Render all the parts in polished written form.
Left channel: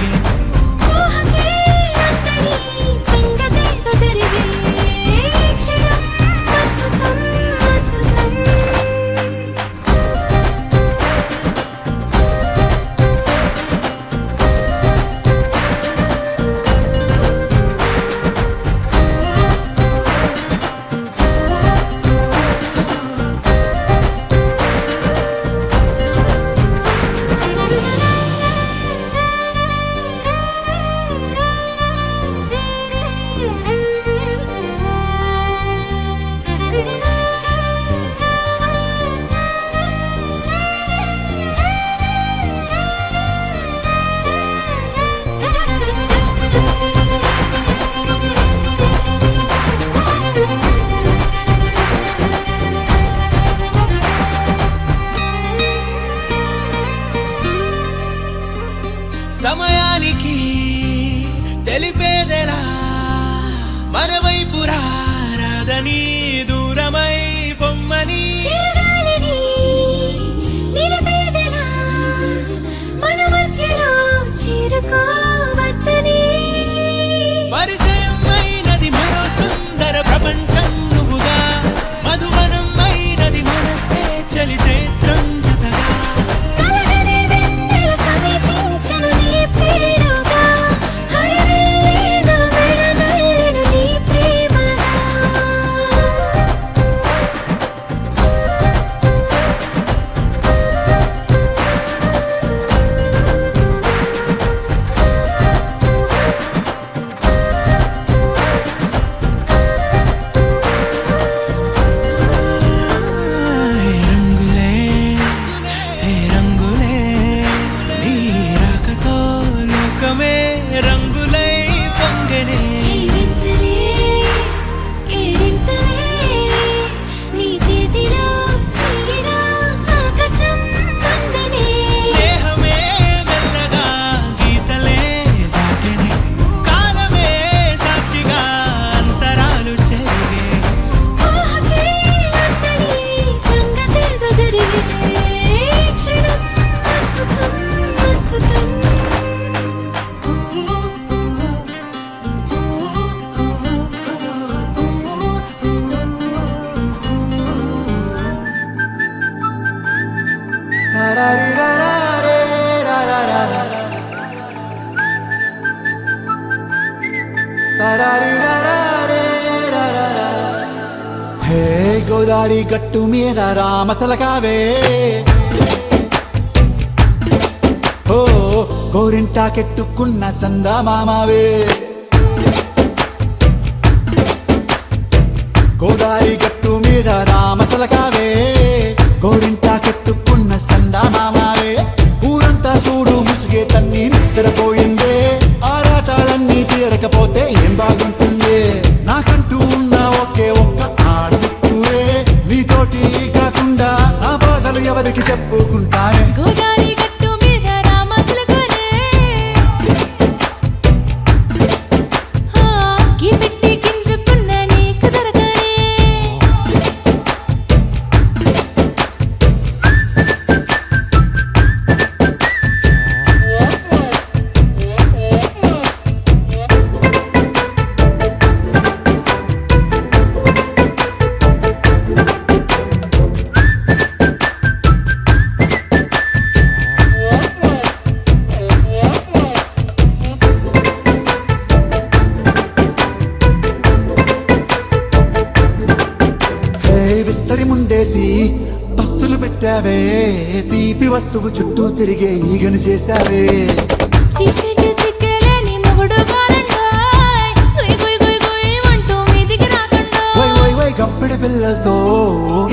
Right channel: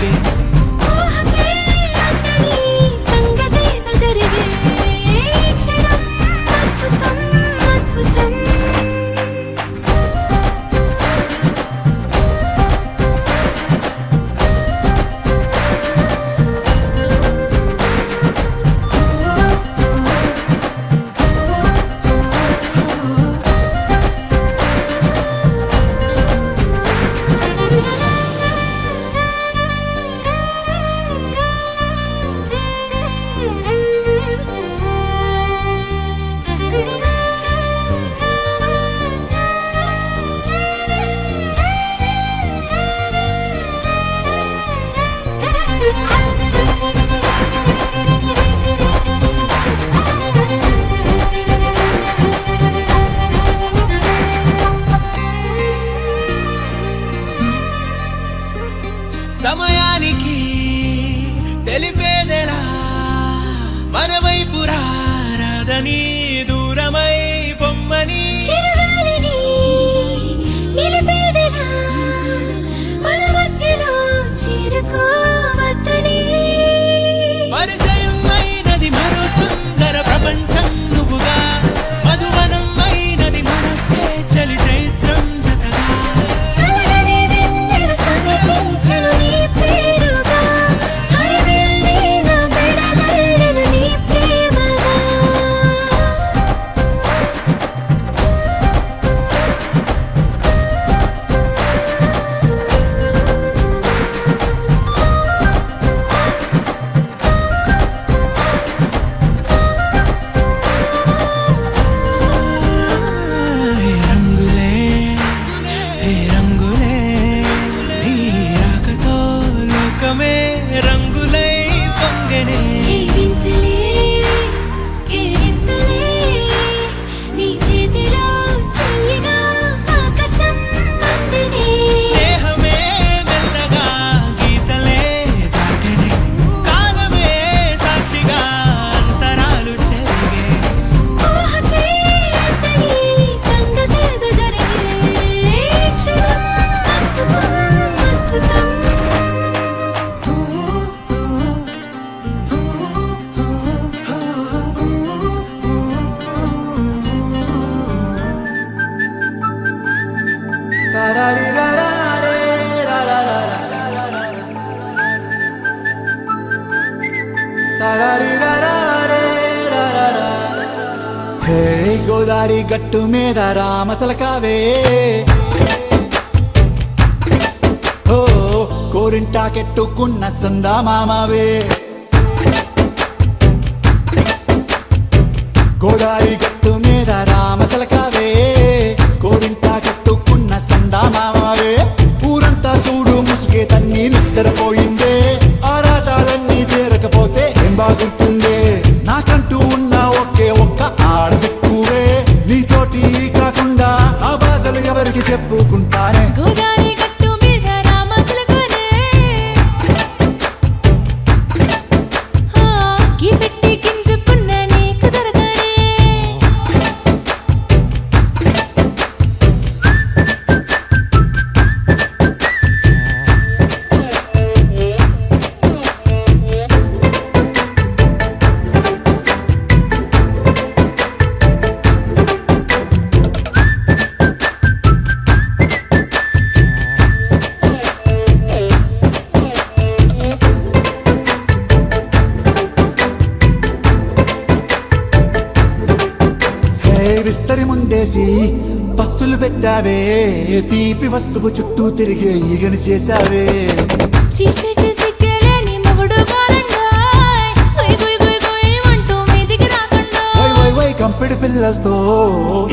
చెరిగే సమయానికి తెలిపేదెలా మన వైపు రాదని దూరమై పొమ్మని పరిచయం అయినది మరో సుందర ప్రపంచం నువ్వుగా మధువనం అయినది మనసే చలి చైత్రం జతగా రంగులై పొంగనే స్నేహమే మెల్లగా గీతలే దాటనే కాలమే సాక్షిగా అంతరాలు చెరిగే హే గోదారి గట్టు మీద రామసలకావే ఓ కోరింటాకెట్టుకున్న సందా మామావే గోదారి గట్టు మీద రామసలకావే కోరింటాకెట్టుకున్న సందా మామావే ఊరంతా చూడు ముసుగే తన్ని నిద్రపోయిందే ఆరాటాలన్నీ తీరకపోతే ఏం బాగుంటుంది నాకంటూ ఉన్న ఒకే ఒక్క ఆడదిక్కురే నీతోటి కాకుండా ఆ బాధలు ఎవరికి చెప్పుకుంటారే గోదారి గట్టు మీద రామసలకనే కీ పెట్టి గింజుకున్న నీకు దొరకనే విస్తరి ముందేసి పస్తులు పెట్టావే తీపి వస్తువు చుట్టూ తిరిగే ఈగను చేశావే చీచి సిగ్గలేని మొగుడు గారండాయ్ గుయ్ గుయ్ గుయ్ గుయ్ అంటూ మీదికి రాకండా వై గంపెడి పిల్లలతో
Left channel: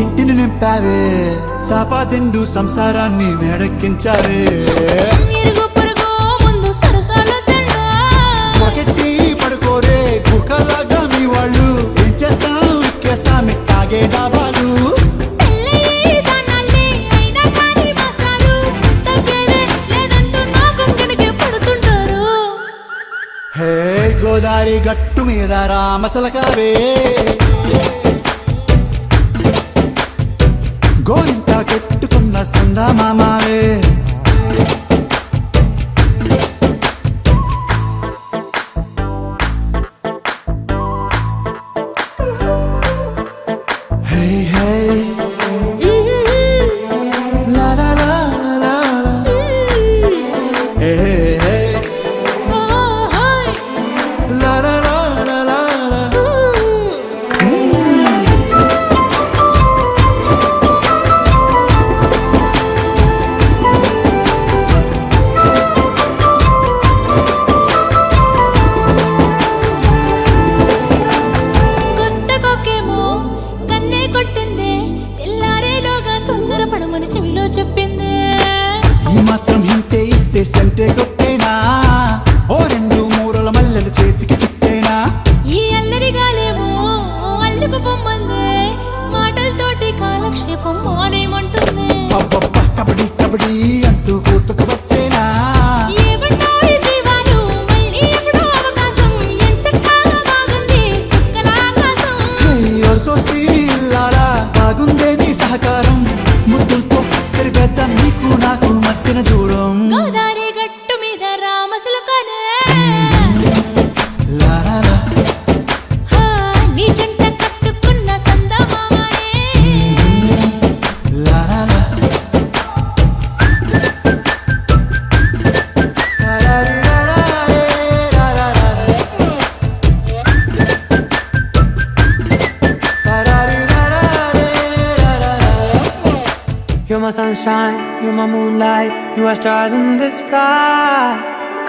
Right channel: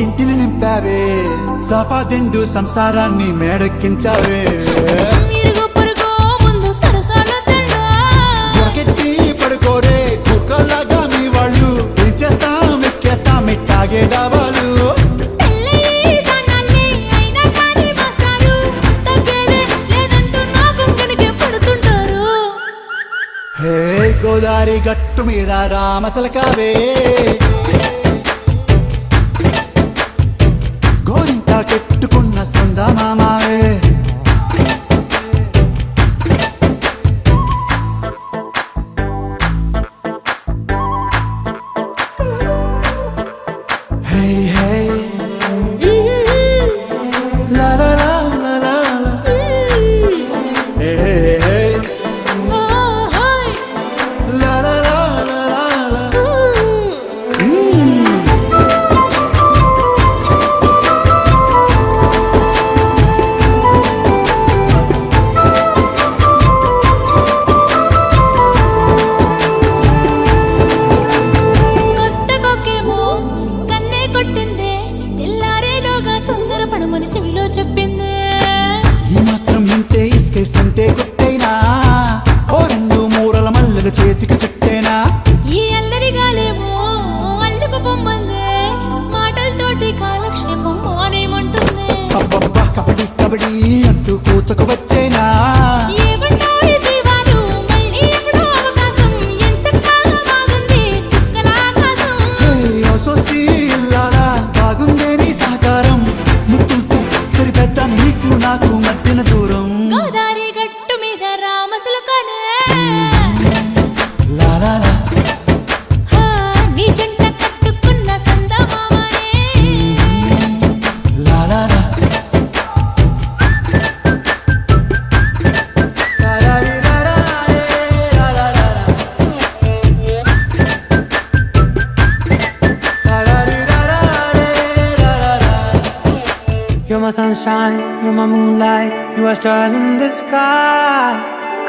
ఇంటిని నింపావే సాపాదిండు సంసారాన్ని మేడెక్కించావే ఇరుగు పొరుగు ముందు సరసాలు గట్టి పడుకోరే కుక్కలాగా మీ వాళ్ళు ఏం చేస్తాం ఎక్కేస్తాం ఇట్టాగే డాబాలు హే గోదారి గట్టు మీద రామసలకావే గోరింటా కట్టుకున్న సందా మామావే sunshine, you're my moonlight, you are stars in the sky.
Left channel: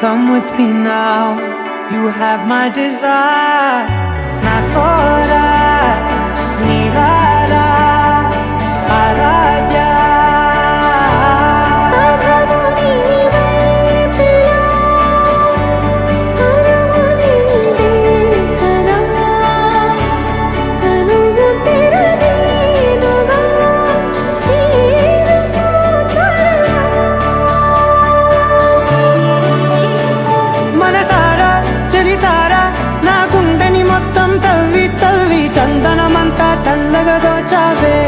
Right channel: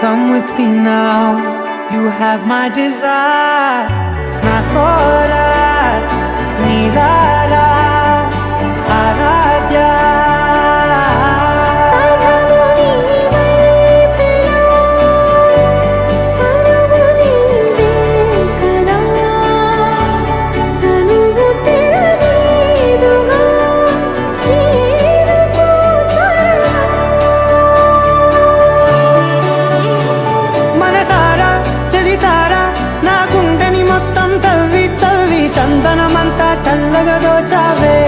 Come with me now, you have my desire. Na tora, nilara, aradya. అధము నీ వైపులా, పరుగు నీదే కదా, తనువు తెరనీదుగా, చేరుకో త్వరగా. మనసారా చలితారా నా గుండెని మొత్తం తవ్వి తవ్వి చందనమంతా చల్లగా దోచావే.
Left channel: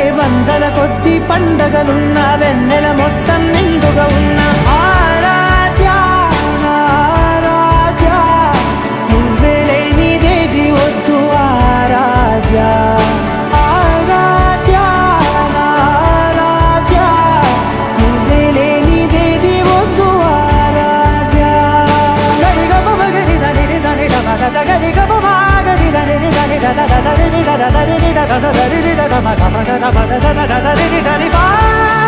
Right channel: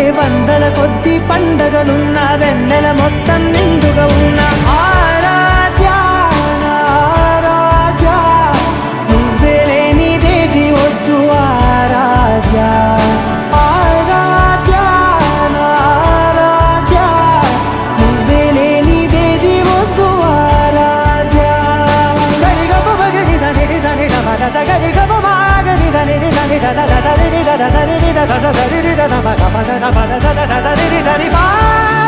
ఏ వందల కొద్ది పండగలున్నా వెన్నెల మొత్తం నిండుగా ఉన్న ఆరాధ్య నా ఆరాధ్య, నువ్వే లేనిదేది వద్దు ఆరాధ్య. ఆరాధ్య నా ఆరాధ్య, నువ్వే లేనిదేది వద్దు ఆరాధ్య. గరిగ బగరి దని దని దమద గరిగ బగరి దని దని దద దరి దద దరి దద దరి దద మగ మగ దద దద దరి దరి బా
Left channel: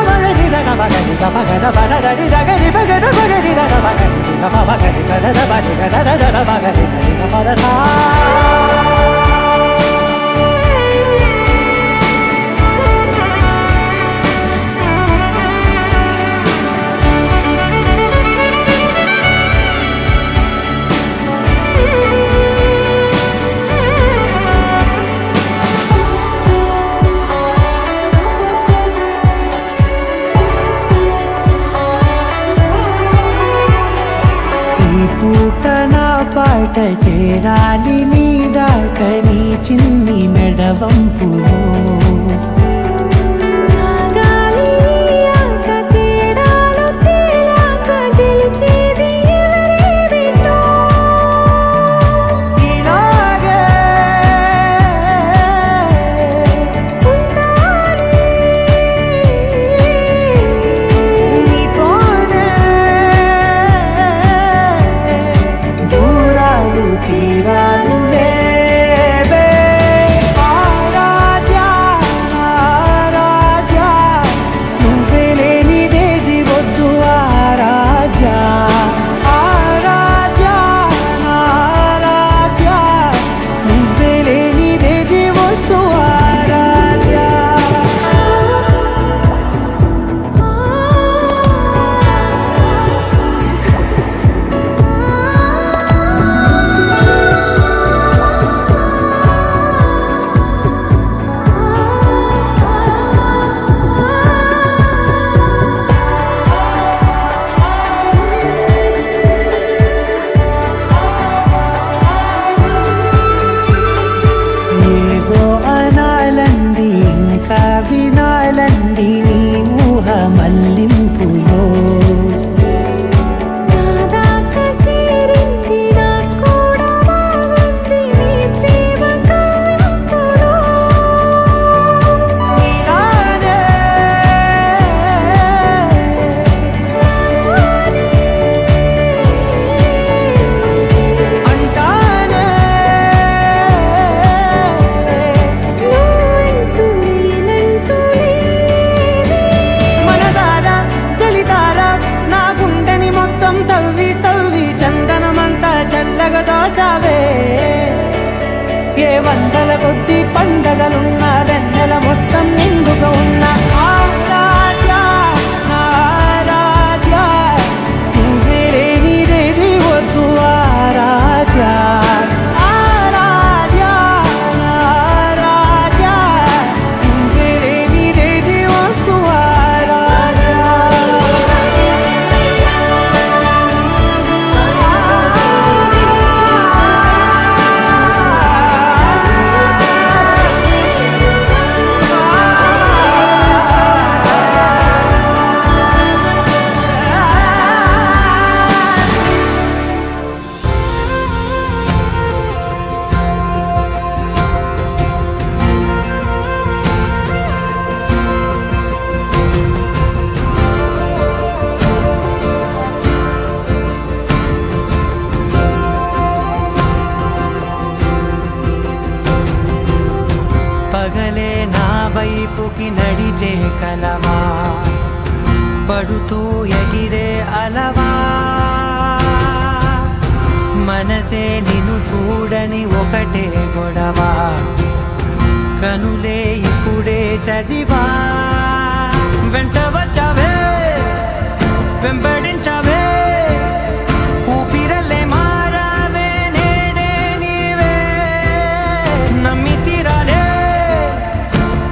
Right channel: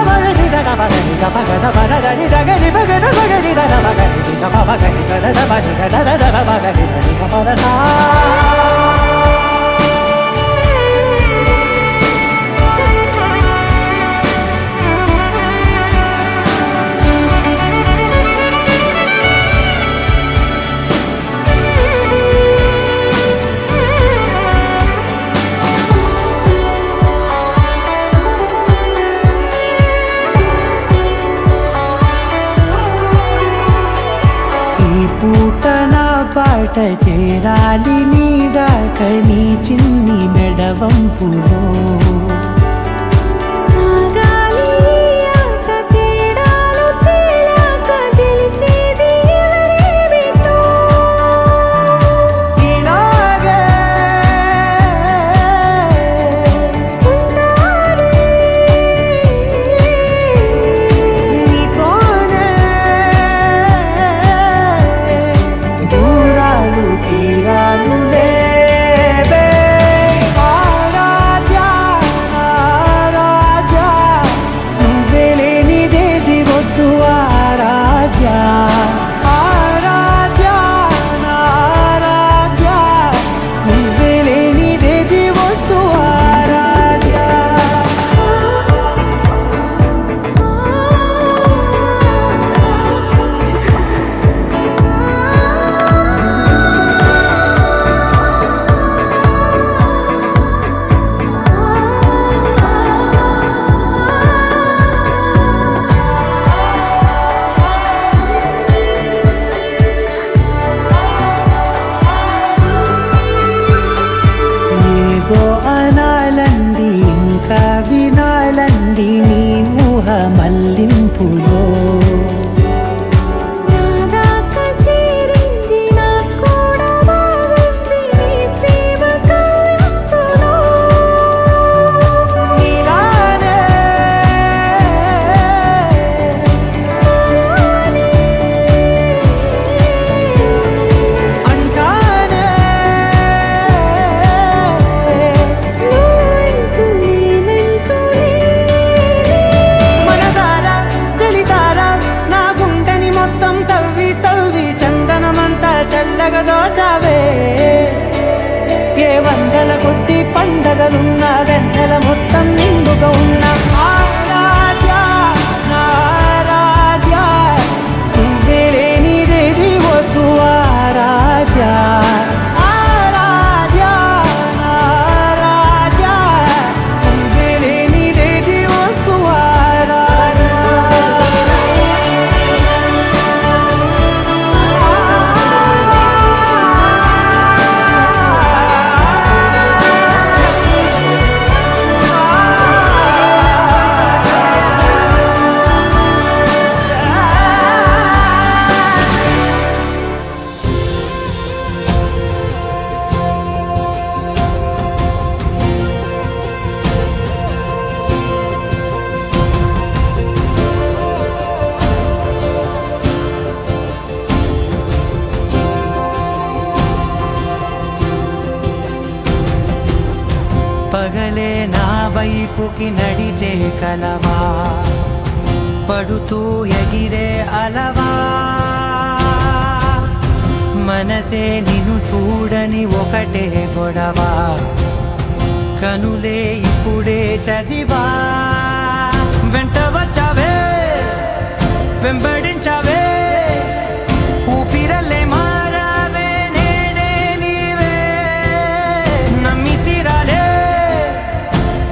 బగరి దద బగరి గ బగద బద దరి దగరి బగద బగరి దద బగరి గ బగరి గ దద బగరి గ దద దద బగరి దరి గ పద సా. ఈ పూట నా పాట చేరాలి నీ దాకా నీ చిన్ని మెడవంపులో. సాగాలి ఈ ఆట తేడాలు తేలాక గెలిచేది ఎవరేమిటో. ఇలాగే ఉంటాలి నీతోనే దూరాలు తీరాలు లేవే. ఆరాధ్య నా ఆరాధ్య, నువ్వే లేనిదేది వద్దు ఆరాధ్య. ఆరాధ్య నా ఆరాధ్య, నువ్వే లేనిదేది వద్దు ఆరాధ్య. ఏదో అనాలండి ఇంకా వినాలండి నీ ఊహ మల్లింపులో. నా దాకా చేరింది నాకు కూడా బాగుంది నీ ప్రేమ కవ్వింపులో. నీలానే మరానే అంటానే నువ్వంటూ నేనంటూ లేనే. మనసారా చలితారా నా గుండెని మొత్తం తవ్వి తవ్వి చందనమంతా చల్లగా దోచావే. ఏ వందల కొద్ది పండగలున్న వెన్నెల మొత్తం నిండుగా ఉన్న ఆరాధ్య నా ఆరాధ్య, నువ్వే లేనిదేది వద్దు ఆరాధ్య. ఆరాధ్య నా ఆరాధ్య, నువ్వే లేనిదేది వద్దు ఆరాధ్య. పగలే నా వైపుకి నడిచే కలవా పడుతూ ఎగిరే అలవా మనసే నిన్ను చూడని ఒకటే గొడవ కనులే ఇప్పుడే చదివా వెంట వచ్చావే వెంబడించావే ఊపిరల్లే మారావే నేడే నీవే నమ్మి తీరాలే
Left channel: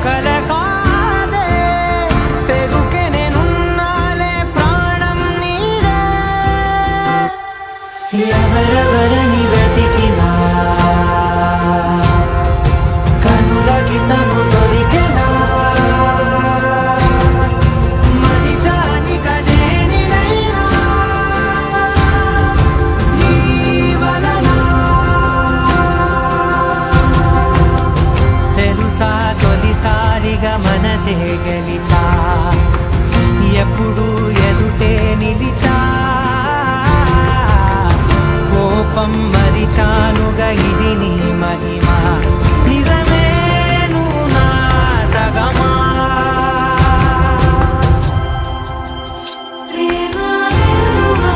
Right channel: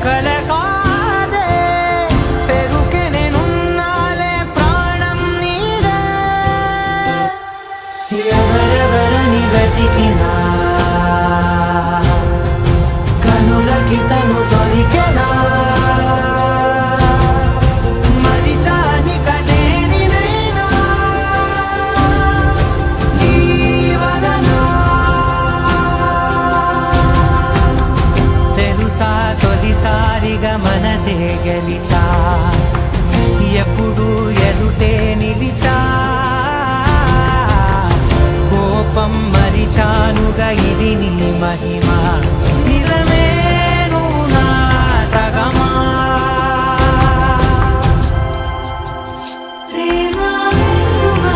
కల కాదే పెరుకే నేనున్నాలే ప్రాణం నీదే ఎవరెవరని వెతికినా కనులకి తను దొరికెనా మరిచాని కదేనినైనా నీ వలన తెలుసా తొలిసారిగా మనసే గెలిచా ఎప్పుడు ఎదుటే నిలిచా కోపం మరిచానుగా ఇది నీ మహిమ నిజమే నువ్వు నా సగమా ప్రేమ వెలువా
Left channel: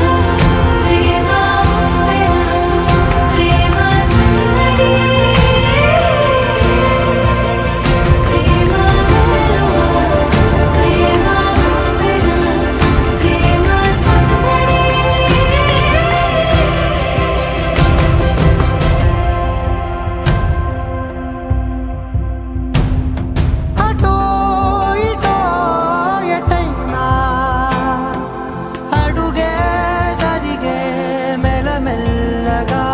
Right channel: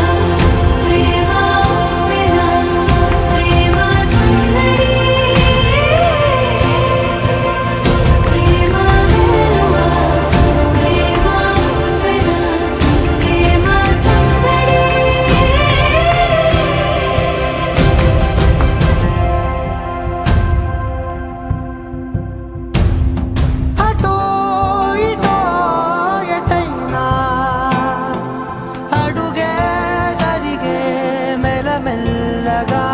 ప్రేమ ఉప్పెన ప్రేమ సందడి ప్రేమ వెలువా ప్రేమ ఉప్పెన ప్రేమ సందడి అటో ఇటో ఎటైనా అడుగే జరిగే మెల్లమెల్లగా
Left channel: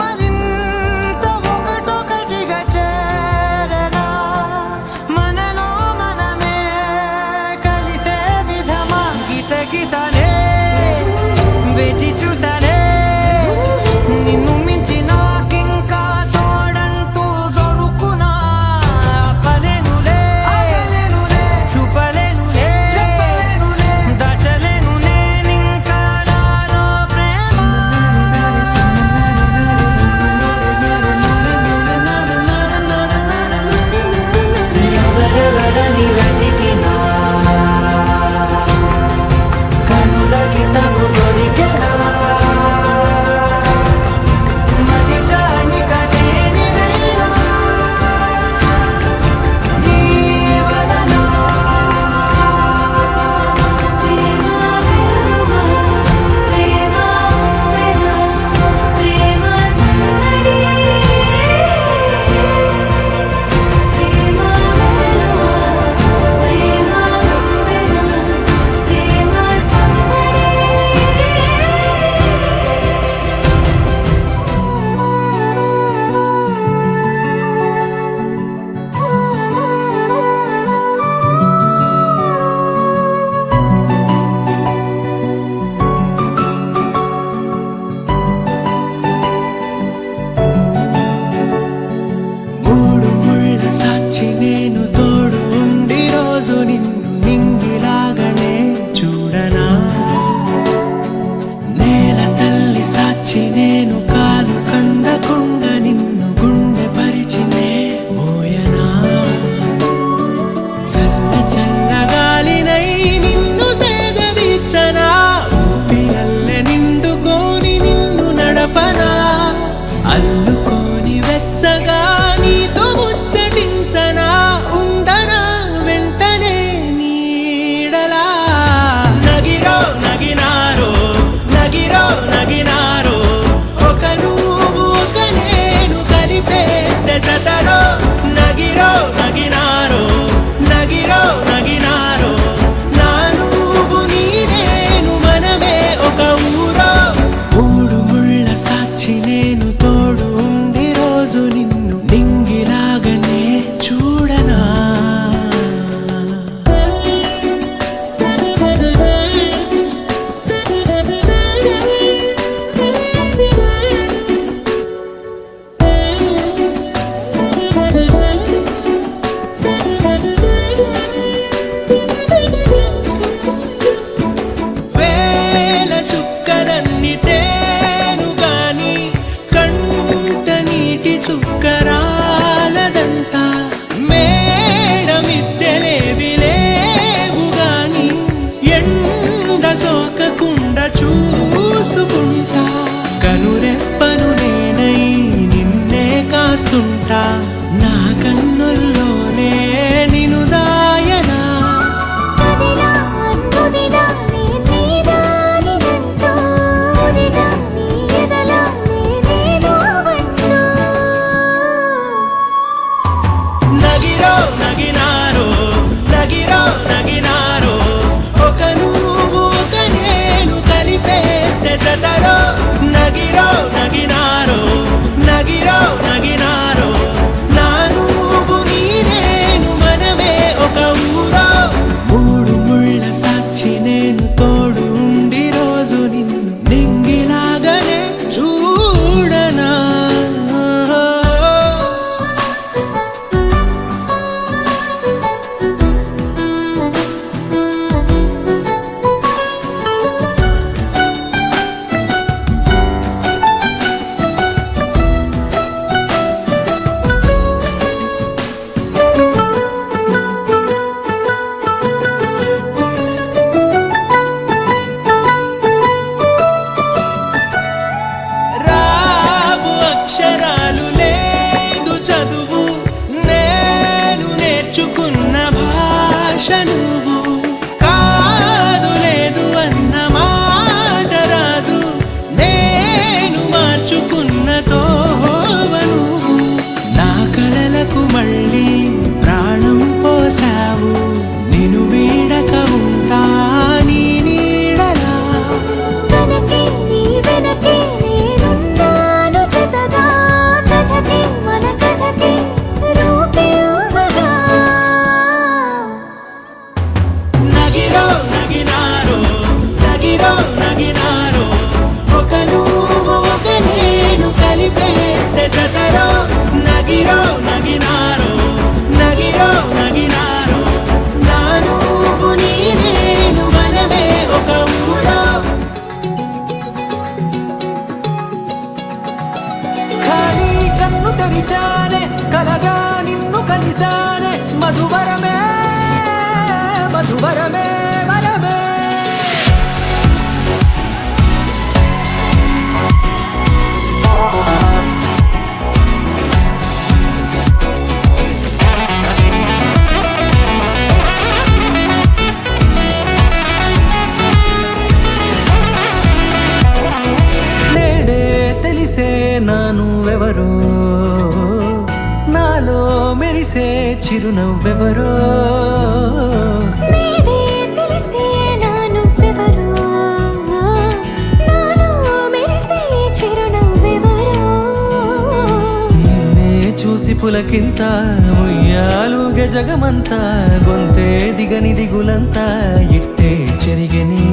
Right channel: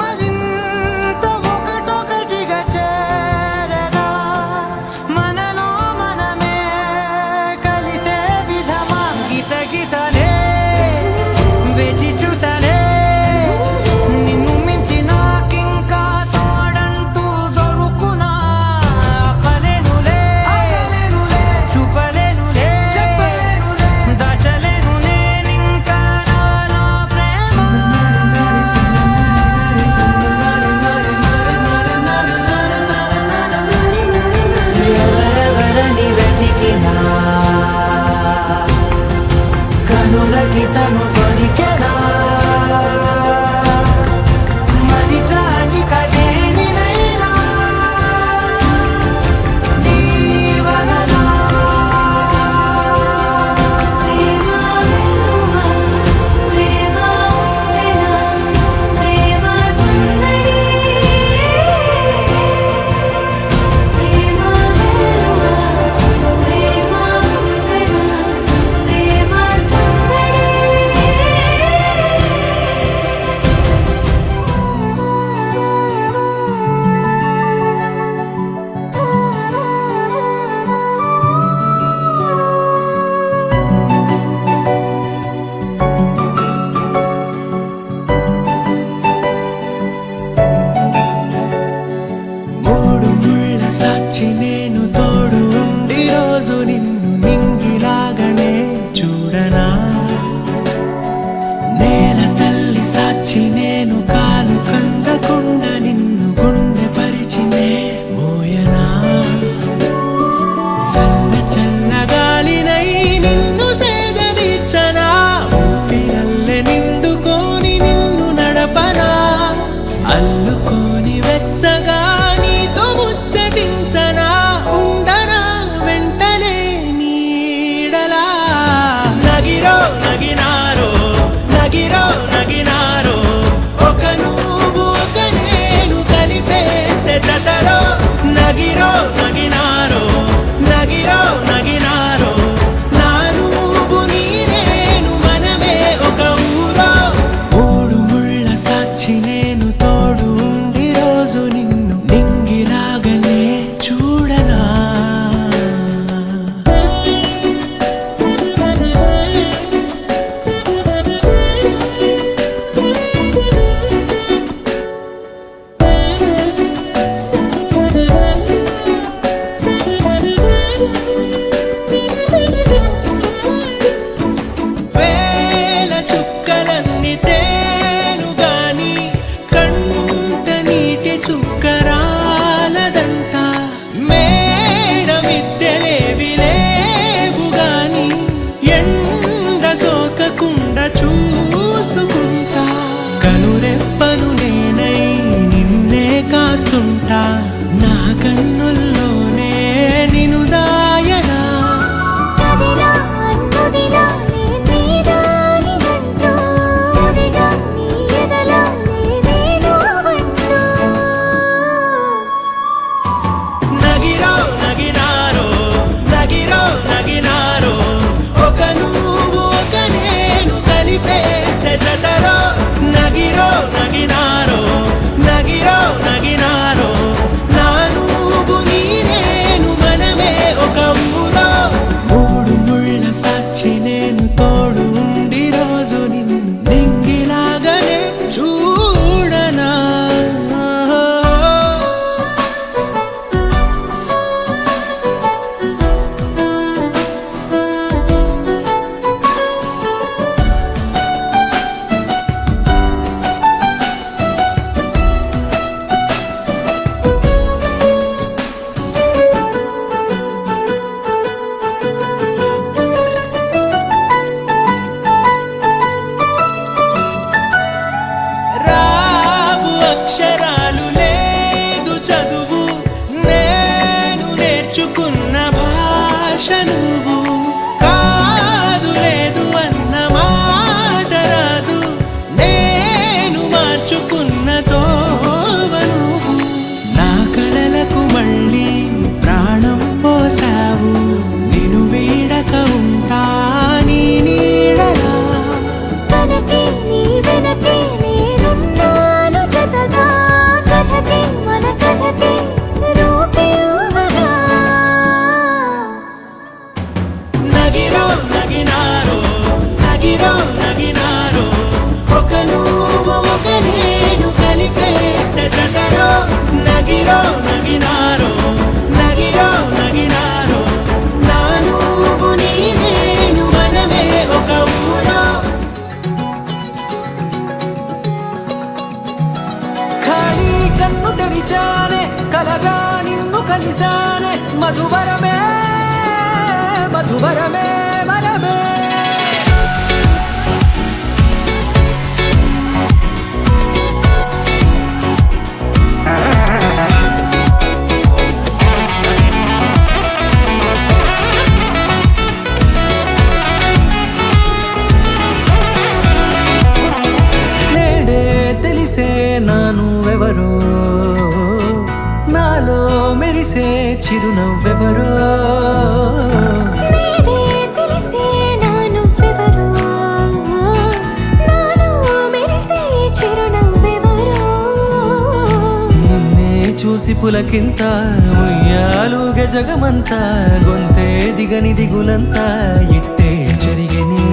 మరింత ఒకటొకటిగా చేరగా మనలో మనమే కలిసే విధమా గీతగిసనే వేచి చూసానే నిన్ను మించి నాకింకా తోడంటూ దొరుకునా ఆపలేనులే చూపలేనులే దాచలేను నేనింకా నాలో ప్రేమ ఎవరెవరని వెతికినా కనులకి తను దొరికెనా మరిచాని కదేనినైనా నీ వలన ప్రేమ వెలువా ప్రేమ ఉప్పెన ప్రేమ సందడి ప్రేమ వెలువా ప్రేమ ఉప్పెన ప్రేమ సందడి మూడు ముళ్ళ సాక్షి నేను తోడు ఉండి రోజు నిన్ను నింగిలాగనే చూడనా నేల తల్లి సాక్షి నేను కాలు కందకుండా నిన్ను గుండె పరిచినే మోయనా చల్ల చల్లగాలినై నిన్ను సేదదీర్చనా ఊపిరల్లె నిండుకోని నిన్ను నడపనా అల్లుకోని వెచ్చగా నీతో ముచ్చటించనా ఉండనా వెంటనే నీడలా నగిరో నగినారో నగిరో నగినారో ఒక నువ్వు ఒక నేను కలిపేస్తే జతలో నగిరో నగినారో నగిరో నగినారో నా నువ్వు నీ నేను మనమే ఒక ఊరో మూడు ముళ్ళ సాక్షి నేను తోడు ఉండి రోజు నిన్ను నింగిలాగనే చూడనా చూసుకుంటా, కనురెప్పను నేనై నిన్నే కాస్తుంటా, నా కన్నుల్లోనే నిను దాయనా. కదిలా అన్నుదిలా నీ నీదానిదంటూ, ఉదిగా నీ ఎదలా నేనేను అంటూ. నగిరో నగినారో నగిరో నగినారో, ఒక నువ్వు ఒక నేను కలిపేస్తే జతరో. నగిరో నగినారో నగిరో నగినారో, నా నువ్వు నీ నేను మనమే ఒక ఊరో. మూడు ముళ్ళ సాక్షి నేను తోడు ఉండి రోజు నిన్ను నింగిలాగానే చూడనా. రావు అక్షరాలు లేదు చదువు, నేను నేర్చుకున్న భాష నువ్వు. కాదు లేదు అన్న మాట రాదు, నేను మార్చుకున్న తోవ నువ్వు. నా కలలకు మళ్ళీ ప్రాణం పోసావు, నిన్ను వీడక ఉంటా నీ నీడలా. కనకే నీ వెనకే నేనున్నాను జతగా, కథకే మన కథకే రూపివ్వగా. నగిరో నగినారో నగిరో నగినారో, ఒక నువ్వు ఒక నేను కలిపేస్తే జతరో. నగిరో నగినారో నగిరో నగినారో, నా నువ్వు నీ నేను మనమే ఒక ఊరో. ఖాళీ కన్ను తెరిచానే, కలగా నిన్ను కలిసానే, మధువరమే మధువరమే వరమే. నేడే తెలిసే నానువెవరో, నాలో మెరిసే చిరునవ్వెవరో. నేడే తెలిసే నా నువ్వెవరో, నాలో మెరిసే చిరునవ్వెవరో. నిన్నే చూసి పులకింత ఉయ్యాలుగే జగమంతా, గొంతే దిగని దిగులంతా ఇట్టే చెరిగెనే.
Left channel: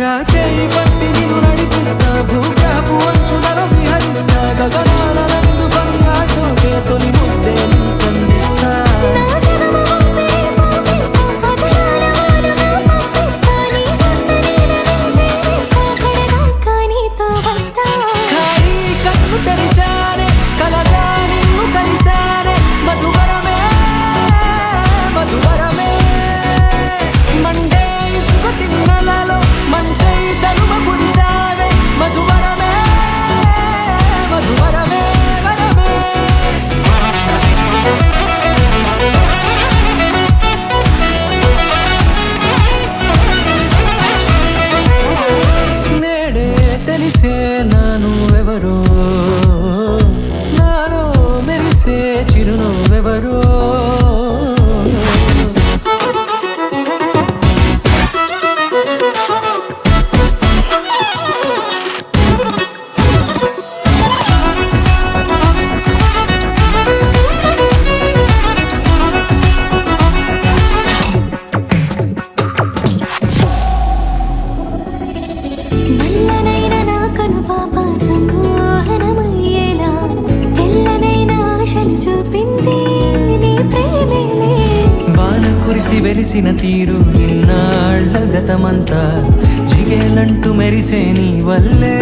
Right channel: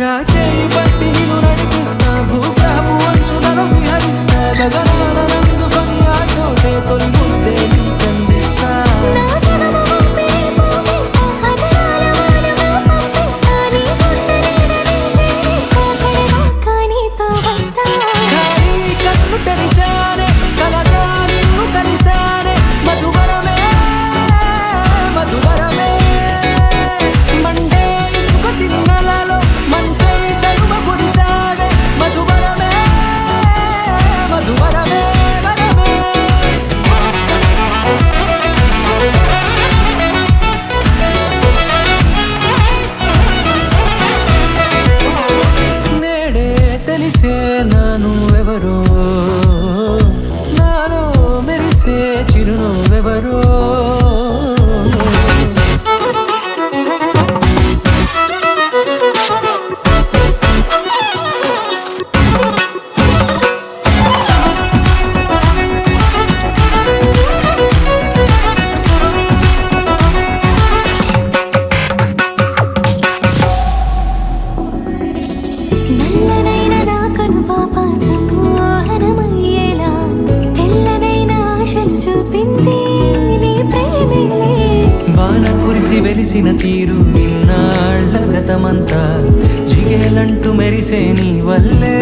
రాచేయి పట్టి నిన్ను నడిపిస్తా, భూగ్రహపు అంచులలో విహరిస్తా, గగనానందుకొని ఆ చోటే తొలి ముద్దే నీకందిస్తా. నా సగము ఊపిరి పోగిస్తా, అదరాల వానగా పంపిస్తా, నీ గుండె నీడనే చేరిస్తా, కడదాకా నీతో వస్తా. ఖాళీ కన్ను తెరిచానే, కలగా నిన్ను కలిసానే, మధువరమే మధువరమే. మండే ఇసుక తిన్నలలో మంచై చలువ కురిసావే, మధువరమే మధువరమే వరమే. నేడే తెలిసే నానువెవరో, నాలో మెరిసే చిరునవ్వెవరో. నల్లనైన నా కనుపాప సమ్మోహనమయ్యేలా, తెల్లనైన ఆశలు చూపింది నీ ప్రేమేలే. వాన కురిసి వెలిసిన తీరు ఇన్నాళ్ళ గతమంతా, జిగేలంటూ మెరిసే నీ వల్లే.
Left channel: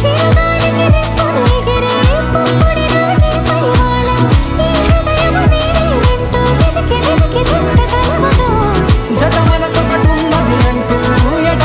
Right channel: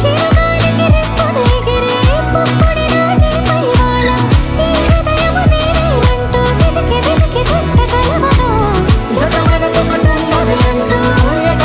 చిరుగాలికి రెప్పను ఎగిరే పుప్పొడిన నీపై వాళ, ఈ హృదయము నీదేనంటూ వెతికి వెతికి జంట కలవగా. జత మనసొకటున్నది అంటూ ఎట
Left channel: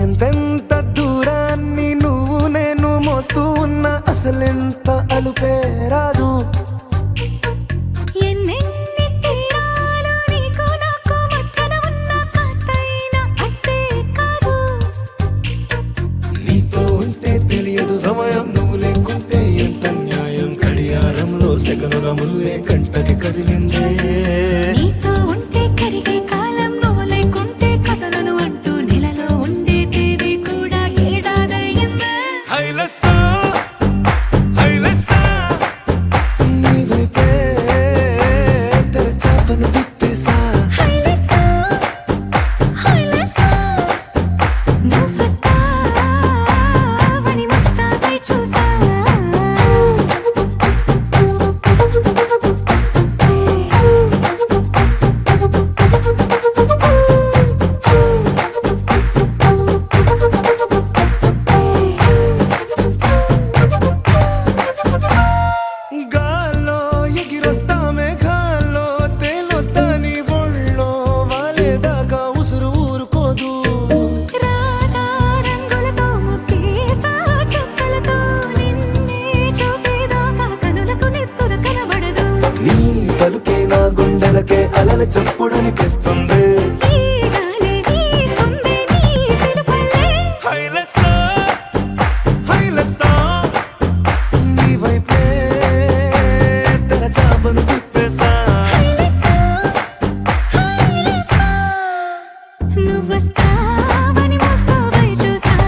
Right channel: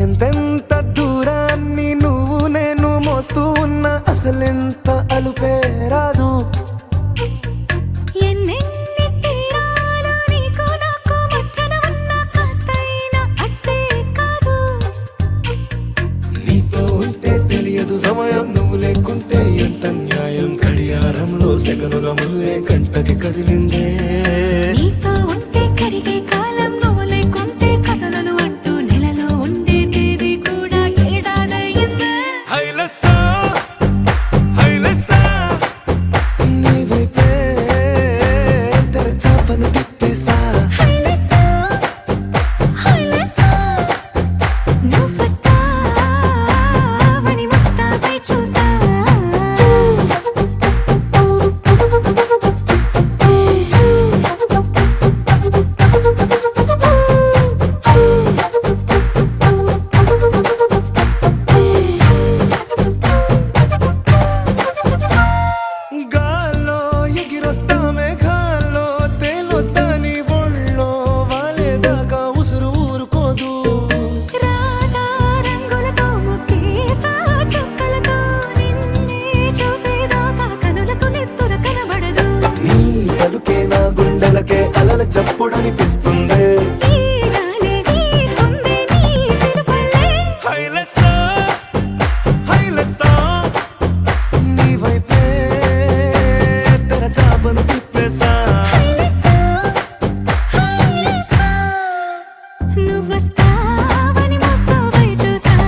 ఎంతెంత దూరాన్ని నువ్వు నేను మోస్తూ ఉన్నా అసలెంత అలుపే రాదు. ఎన్నెన్ని తీరాలు నీకు నాకు మధ్యన ఉన్నా కాస్తైనా అట్టే కాదు. నీతో ఉంటే తెలియదు సమయం, నువ్వు లేకుంటే ఎంత న్యాయం. గడియారంలో సెకనుల ముల్లే కంటకి కదిలిందే. నీతో ఉంటే కరిగే కాలం, నువ్వు లేకుంటే కథలను అంటూ నెలలో ఉండే తేదీ కూడా ఏడాదయ్యిందే. హైలెస్సా హైలెస్సా నీ వైపే తెరచాపను తిప్పేసా. హైలెస్సా హైలెస్సా నువ్వొస్తావని ముస్తాబై చూసా. గాల్లో ఎగిరొస్తా మేఘాల్లో తేలొస్తా నీ ఒళ్ళో వాలేదాకా ఉసురు ఊరుకోదు. రాజా రంగులతో ముక్కేసా చుక్కలతో నిన్నే చూసేదాకా కనులకు నెత్తురు కనబడదు. నీ పలుకే నా గుండెలకే అలల చప్పుడనిపిస్తుంది. ఈ గాలే వీస్తుంది నీ పిలుపులే. హైలెస్సా హైలెస్సా నీ వైపే తెరచాపను తిప్పేసా. హైలెస్సా హైలెస్సా నువ్వొస్తావని ముస్తాబై చూసా.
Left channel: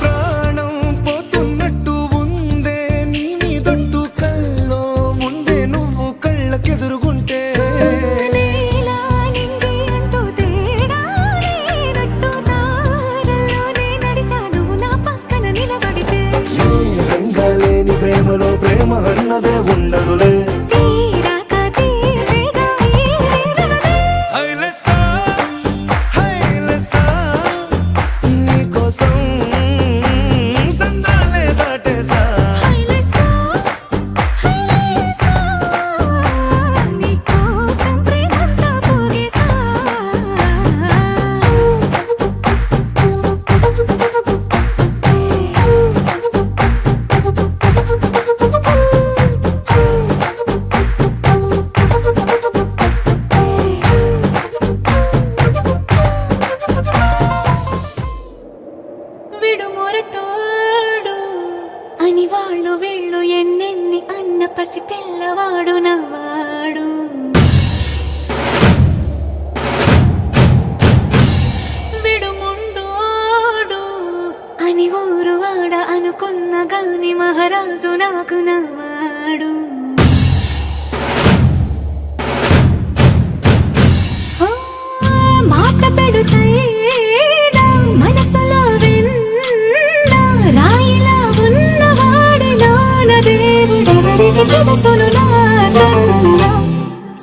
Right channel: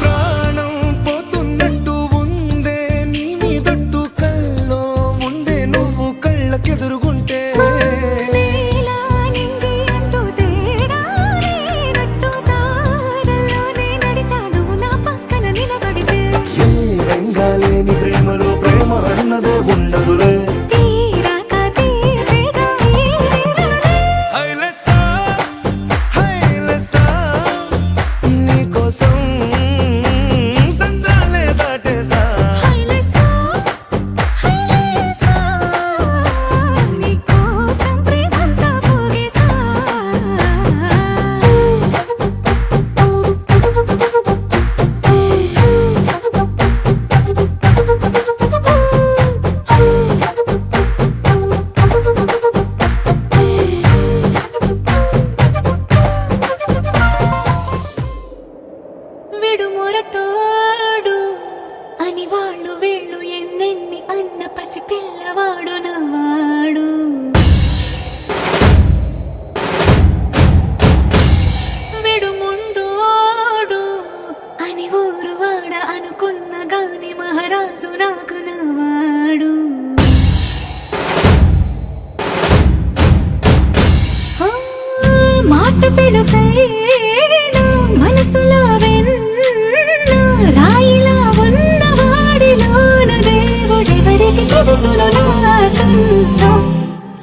ప్రాణం పోతున్నట్టు ఉందే నీ మీదొట్టు కల్లో ఉండే నువ్వు కళ్ళకెదురుగుంటే. నీలా నింగి అంటూ తేడా లేనట్టు దారుల్లోనే నడిచా నువ్వు నా పక్కన నిలబడితే. ఏ వెంగాలేని ప్రేమలో ప్రేమ అన్నదే ఉండదులే. తీరాక తీపేగా ఈ వేదనలే. హైలెస్సా హైలెస్సా నీకోసం సంద్రాలే దాటేసా. హైలెస్సా హైలెస్సా నీకోసం ప్రేమంతా పోగేసా. విడు మొరటోడు అని వాళ్ళు వీళ్ళు ఎన్నెన్ని అన్న పసి పిల్లవాడు నవ్వాడు. విడు ముండోడు అని ఊరు వాడ అనుకున్న గాని మహారాజు నాకు నవ్వాడు. ఆ, మాట పెడుసైనా మనసులో వెన్న రాయిలా ఉన్నవాడిలోన దేవుడెవరికి తెలుసును నాకన్నా.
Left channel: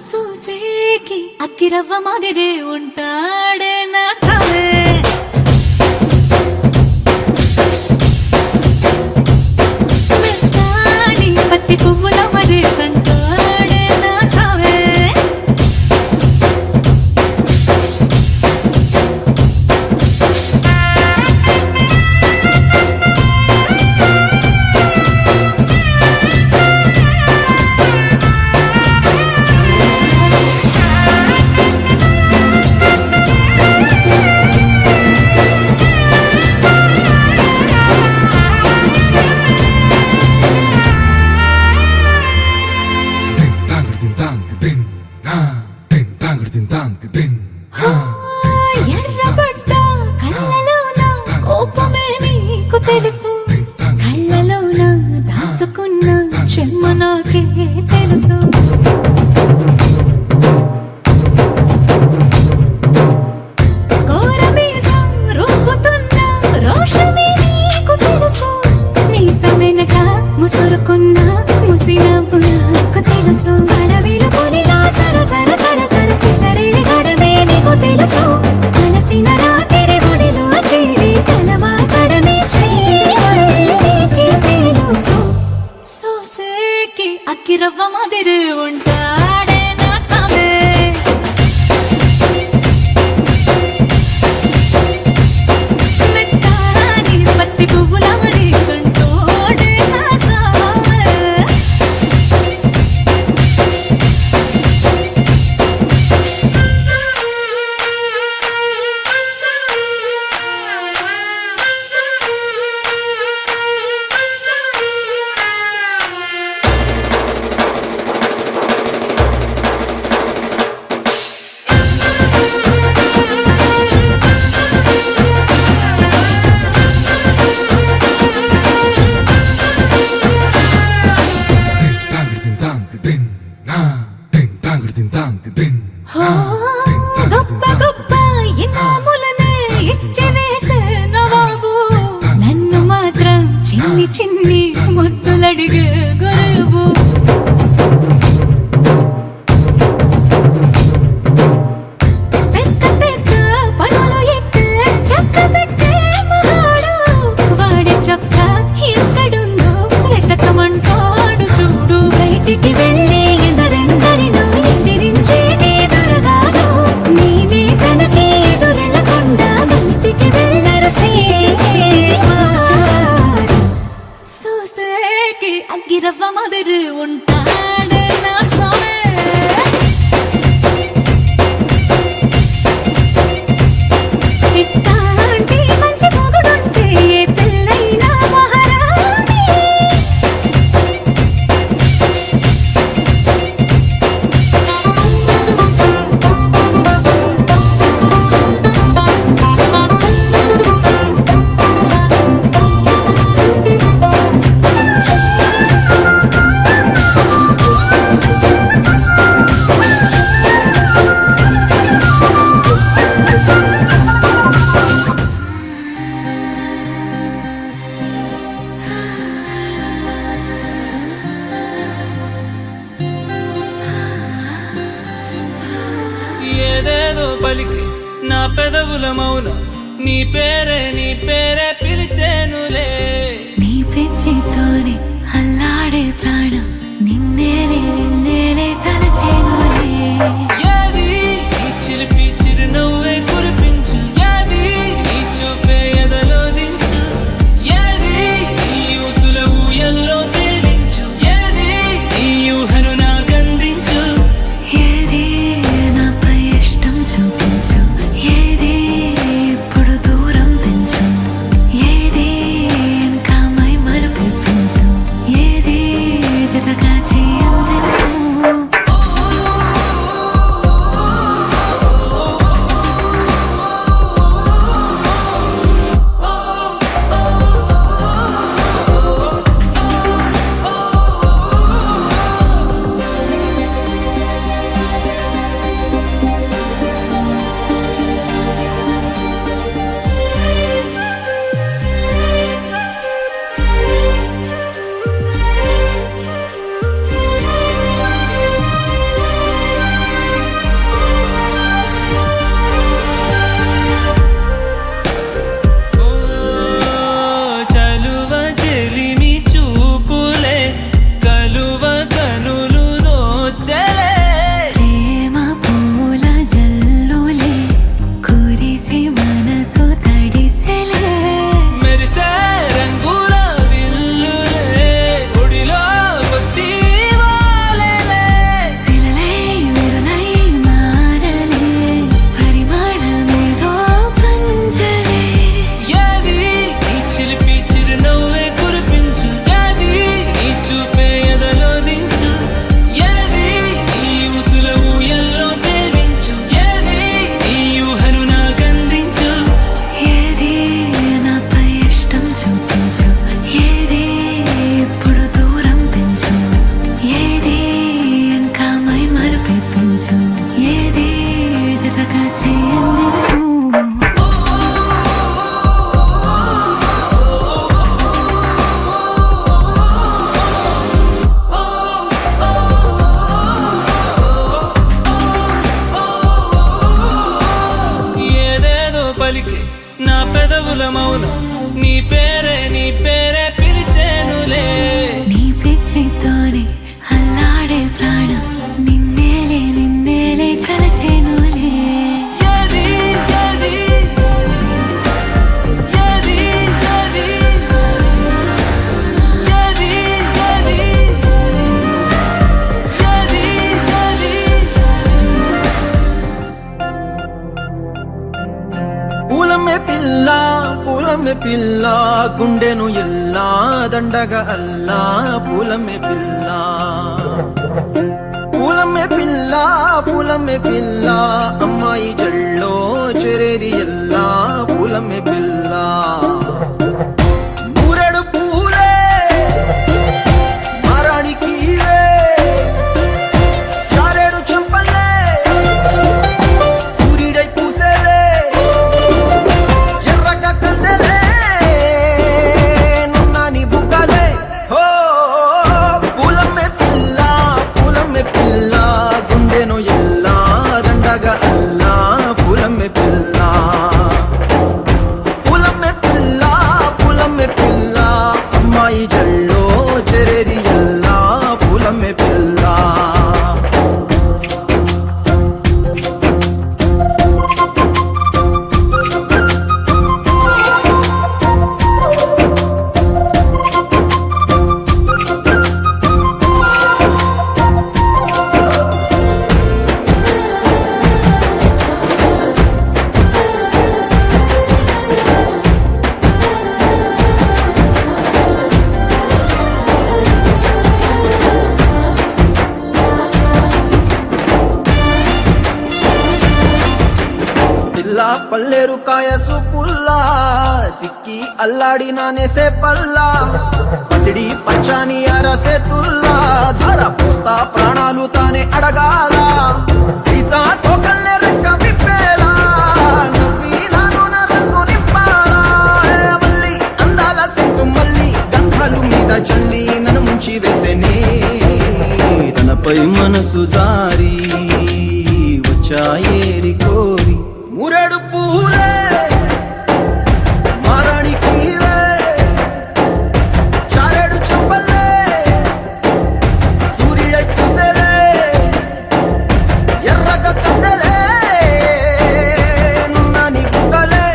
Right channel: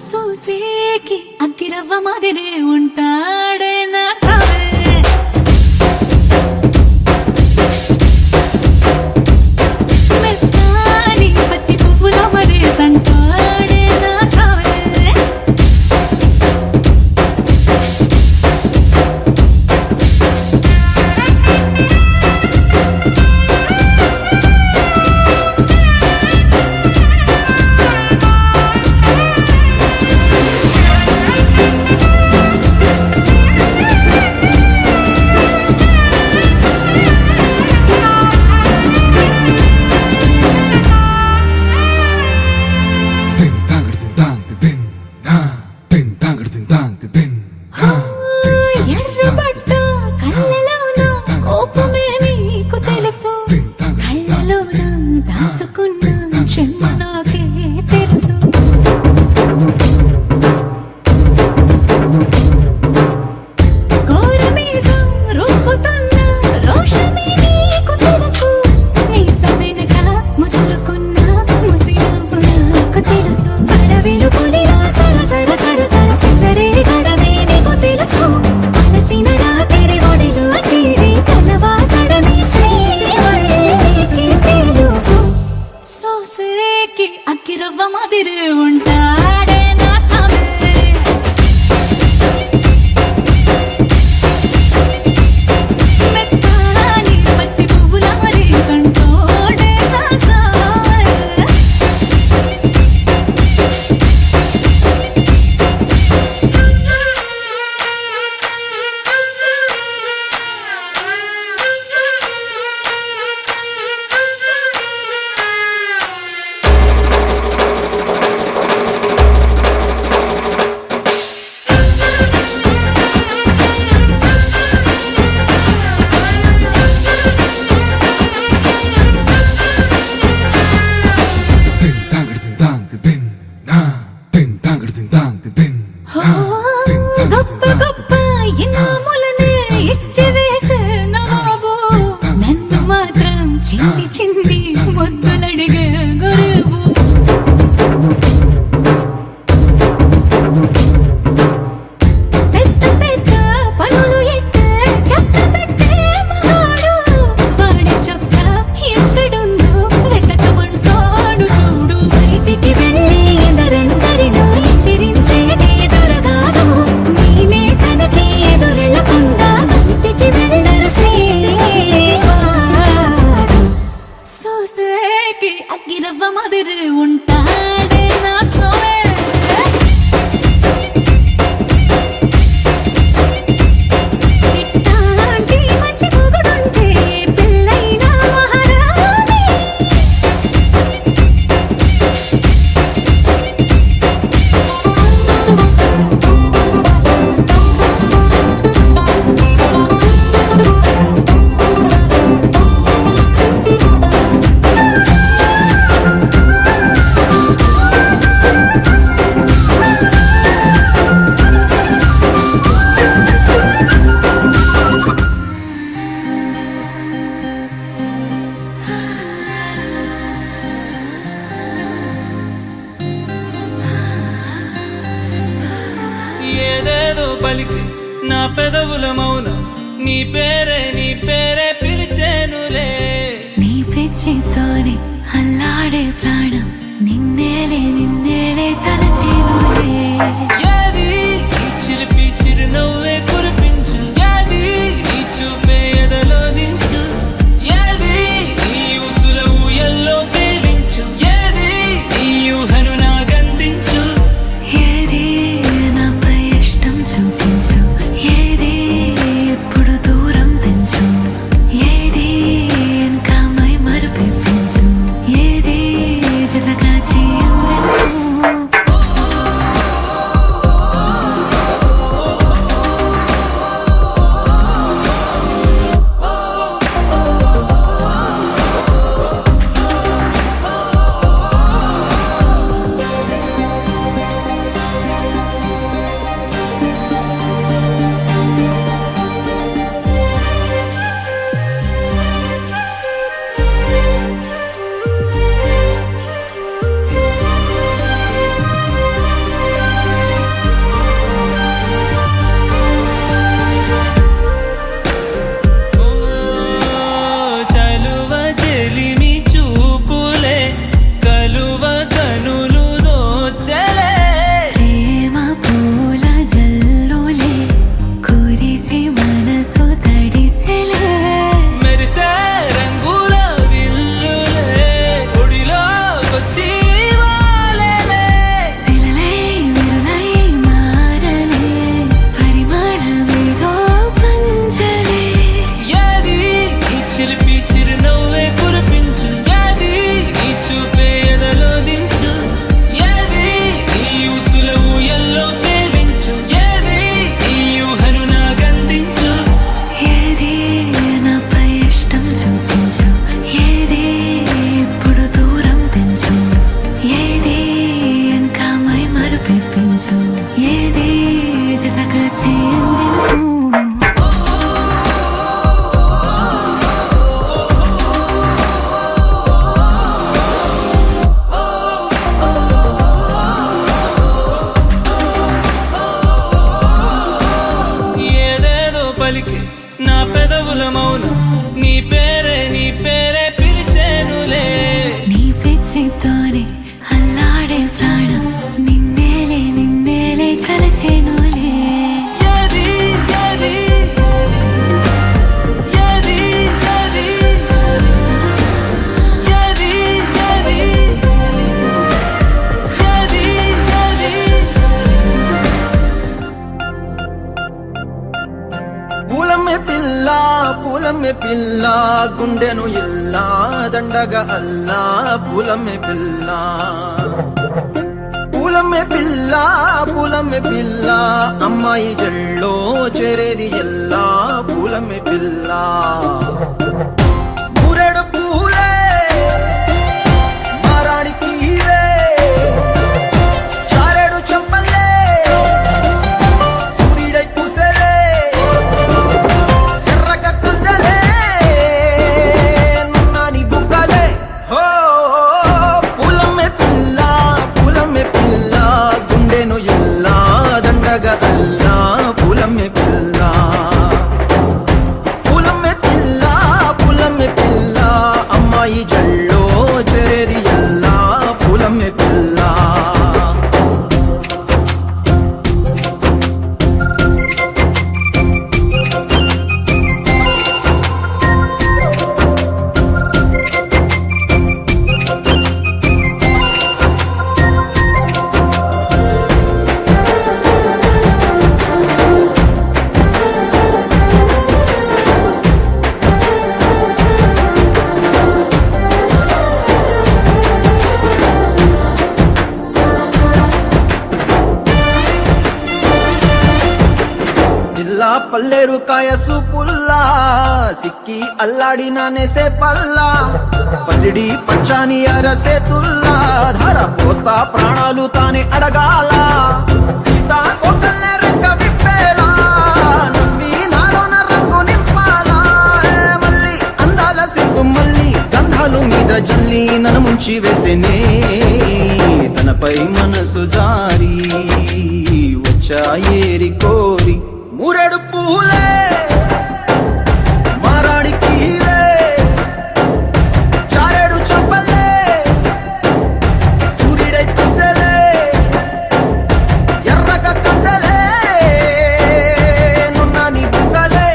సూసేకి అగ్గిరవ్వ మాదిరే ఉంటాడే నా సావే. మెత్తాని పత్తి పువ్వుల మరి సంటాడే నా సావే. ఎర్రబడ్డ కళ్ళలోన కోపమే నీకు తెలుసు. కళ్ళలోన దాచుకున్న చెమ్మ నాకే తెలుసు. కోరమీసం రుబ్బుతున్న రోషమే నీకు తెలుసు. మీసమెనక ముసురుకున్న ముసి నవ్వు నాకు తెలుసు. అడవిలు పులిలా సర సర సర సర చివర తెలుసు అలసిన రాత్రి ఒడిలో చేరి తలవాచడమే శ్రీవల్లికి తెలుసు సోసేకి అక్కిరవ్వ మాదిరి ఉంటాడే నా సామే మెత్తాని పత్తి పువ్వుల మరి సంటోడే నా సామే గొప్ప గొప్ప ఇనాములనే ఇచ్చి వేసే నవాబు నన్ను మాత్రం చిన్ని చిన్ని ముద్దులడిగే గురువు పెద్ద పెద్ద పనులు ఎట్టే చక్క పెట్టే మగాడు వాడి చొక్క ఎక్కడుందో వెతకమంటాడు చూడు బయటికి వెళ్ళి ఇద్దరెందరినో ఎదిరించేటి దొరగారు నేనే తనకి ఎదురెళ్ళకుండా బయటికి వెళ్ళరు శ్రీవారు సోసేకి అగ్గిరవ్వ మాదిరి ఉంటాడే నా సోమే ఇట్టాంటి మంచి మొగుడుంటే ఏ పిల్లైనా మహారాణి ఏదేదో పలికి నా పెదవుల మౌనం నీ పేరే పిలిచేనులే నీ పిచ్చితోనే అల్లాడే ప్రాణం నిన్నేలే తలచేనులే ఏది నీ చిలిపి చిరునవ్వే కురిపించు ఏది నీ చూపే ఎదలో దించు ఏది నీ ఊసుల ఊయల్లో తేలించు ఏది నీ ఊహను నాగందించు ఏది నాపై ఇష్టం చూపించు ఏది ఇప్పుడు దూరం తెంచు ఏది ఇంకా మై మరపించు ఏది జతగా చేయందించు చలువ చెలిమి చూపులే కలువ కనులు దోచలే ప్రేమ పూల జల్లులే కురిసి మనసు తడిసెలే మెరిసే రంగుల విల్లులే ఒడిలోకొచ్చి వాలేలే శిలలై విరులై మారలే పరిమాణమేదో పంజలే ఏది నీ చిలిపి చిరునవ్వే కురిపించు ఏది నీ చూపే ఎదలో దించు ఏది నీ ఊసుల ఊయల్లో తేలించు ఏది నీ ఊహను నాగందించు ఏది నాపై ఇష్టం చూపించు ఏది ఇప్పుడు దూరం తెంచు ఏది ఇంకా మై మరపించు ఏది జతగా చేయందించు నీ పేరే పిలిచేనులే. నీ పిచ్చితోనే అల్లాడే ప్రాణం నిన్నేలే తలచేనులే. ఏది ఏది ఏది ఏది ఏది ఏది ఏది ఏది పూలమే పిల్ల గుండెను ఇల్లా దండగా అల్లా పూలమే పిల్ల అమ్మాయి జల్లో చేరేది ఎల్లా పూలమే పిల్ల. పూరెడు పూలే మారాడికి చారేడు చెప్పలే సూర్యుడై పూసే ఎర్రగా కందలే నున్నాని బుక్కలే. హో పూలమే పిల్ల గుండెను ఎల్లా దండగా అల్లా పూలమే పిల్ల అమ్మాయి జల్లో చేరేది ఎల్లా పూలమే పిల్ల. పిల్ల పల్లెరు కాయ సూపుల్లా సిక్కి అల్లాడి నానేసే పల్లా పసిడి పచ్చాని అరసే తుల్లా ధర పోస్తా ప్రాణాలు తానే అడగాల. సీతా కోకల్ల రెక్క విప్పేలా నవ్వి నాలోన రంగు నింపాలా. మల్లి అందాల సింపు మల్లి గంధాలు మీద జల్లి నన్ను ముంచి వేసేనే తనపై మనసు జారి వచ్చాయేరి కోరి. మురెడు పూలే మారాడికి చారేడు చెప్పలే సూర్యుడై పూసలే ఎర్రగా కందలే నున్నాని బుక్కలే.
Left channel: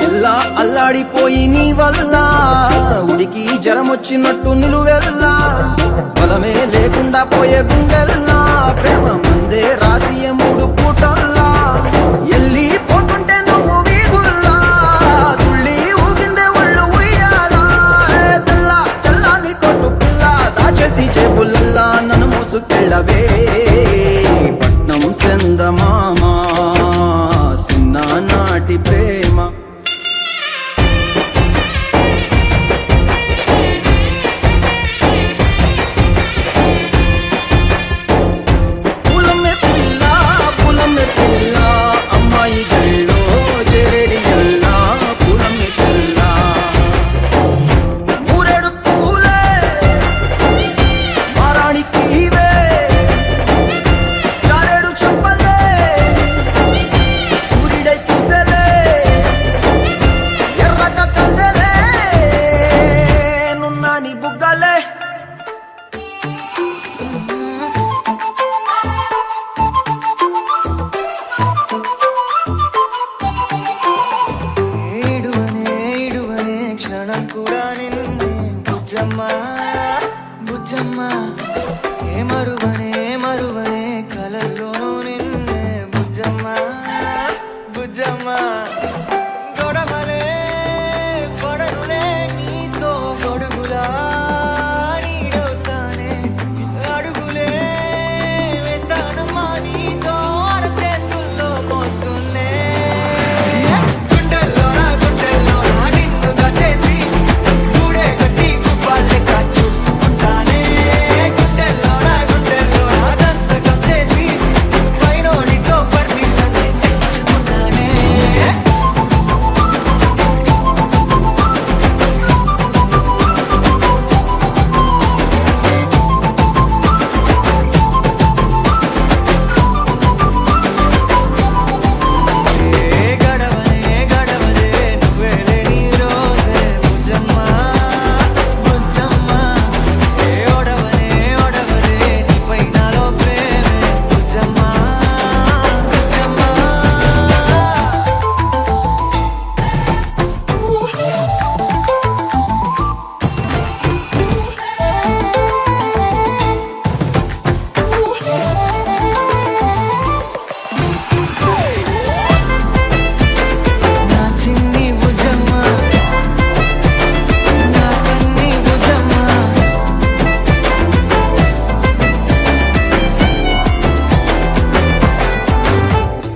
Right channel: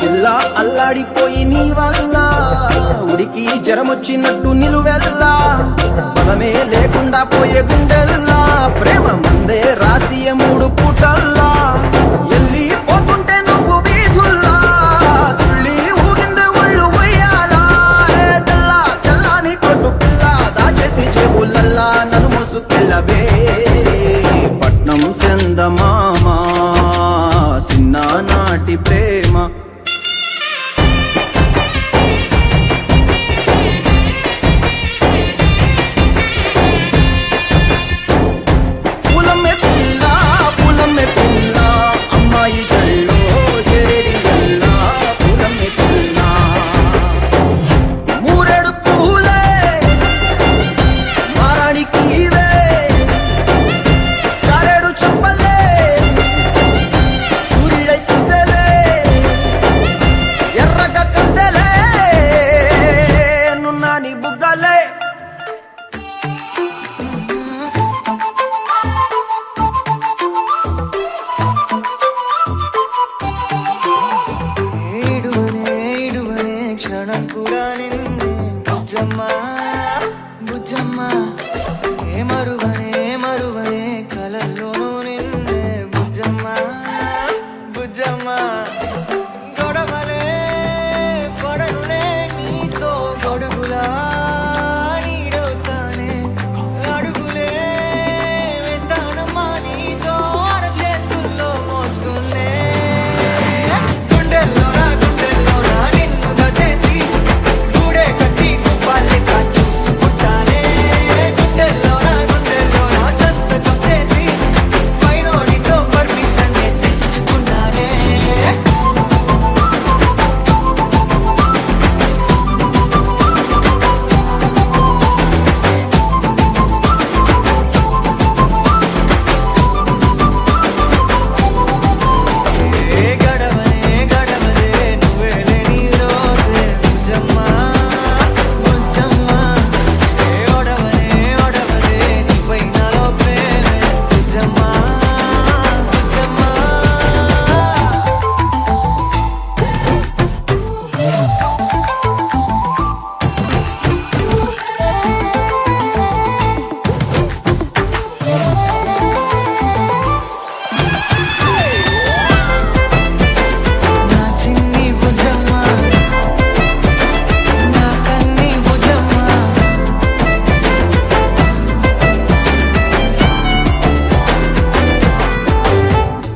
పిల్ల అల్లాడిపోయి నీ వల్ల ఉడికి జరమొచ్చినట్టు నిన్ను వెళ్ళా బలమే లేకుండా పోయే గుండెల్లా ప్రేమ ముందే రాసియ మూడు పూటల్లా. ఎల్లి పోతుంటే నువ్వు వీధుల్లా తుళ్ళి ఊగిందే ఒళ్ళు ఉయ్యాలా. తెల్లాని కొట్టు పిల్ల దాచేసి చెవులల్లా నన్ను మోసుకెళ్ళవే పట్నం సెందమామ సిన్నానాటి ప్రేమ. ఏ మరువనే మరువనే కలల్లోనూ నిన్నే బుజ్జమ్మ బుజ్జమ్మ గొడవలే పడనులే నీతో గొడుగులా నీడవుతానే అడుగులే వేస్తానమ్మా నీతో అరచేతుల్లో మోస్తున్నే గుండెల్లోనా నిన్ను దచేసి గూడే కట్టి గుప్పాలెక్క చూసుకుంటానే గుండెల్లోనా సంతకం చేసి పైనోడితో పర్మిషన్ తెచ్చుకున్నానే ఏ గడవదే నువ్వే లేని రోజే బుజ్జమ్మ బుజ్జమ్మ ఏ ఒడవదే నీపై నాలో ప్రేమే బుజ్జమ్మ బుజ్జమ్మ నా చిన్ని బుజ్జమ్మ నా కన్ని బుజ్జమ్మ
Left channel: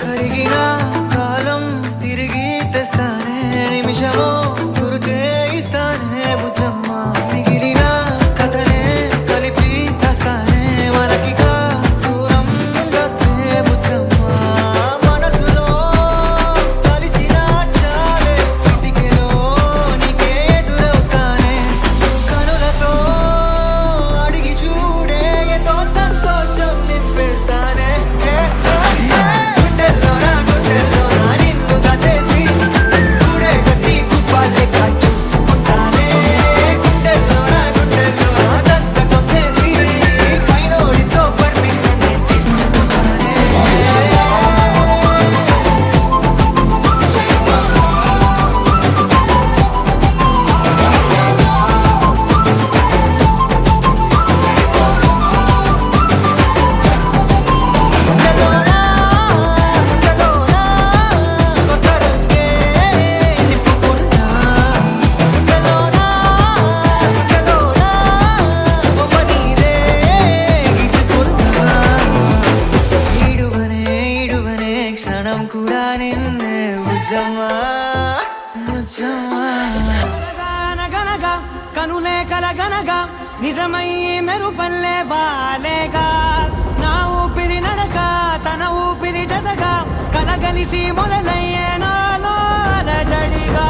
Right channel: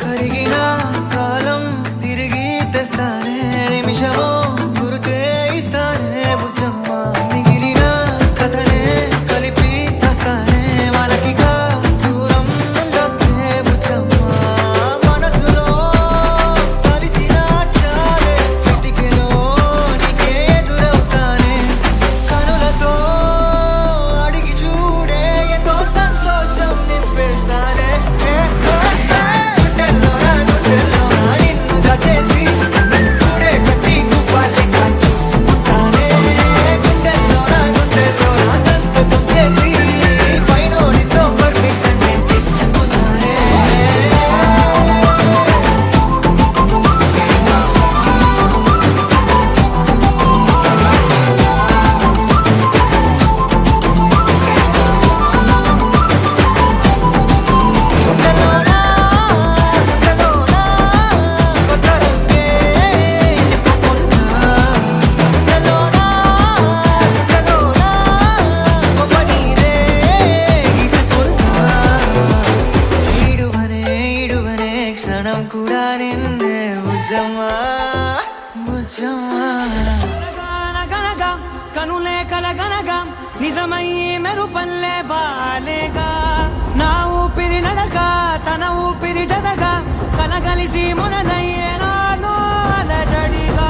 కరిగిన కాలం తిరిగి తెస్తానే నిమిషమో గురుతే ఇస్తానే బుజ్జమ్మ మిగిలిన కథనే కలిపి తెస్తానే మనకిగా దూరం ఉండొద్దే బుజ్జమ్మ మనసులో తలిచిన చాలే చిటికెలో నీకే ఎదురవుతానే కనులతో అడిగి చూడే ఎంతో సంతోషం నింపేస్తానే గుండెల్లోనా నిన్ను దచేసి గూడే కట్టి గుప్పాలెక్క చూసుకుంటానే గుండెల్లోనా సంతకం చేసి పైనోడితో పర్మిషన్ తెచ్చుకున్నానే గుండెల్లోనా కొత్త రంగే నింపుకున్నా గుండెల్లోనా బొమ్మ నీరే గీసుకున్నా ఈడువనే క్షణం కూడా నిన్నే బుజ్జమ్మ బుజ్జమ్మ కనులే కలగనగా నిజమై మెరుపల్లే వాలేగా నా ఊపిరి నడగా తన ఊపిరి జతగా కలగలిసి మొదలయ్యే నాలో అలజడిగా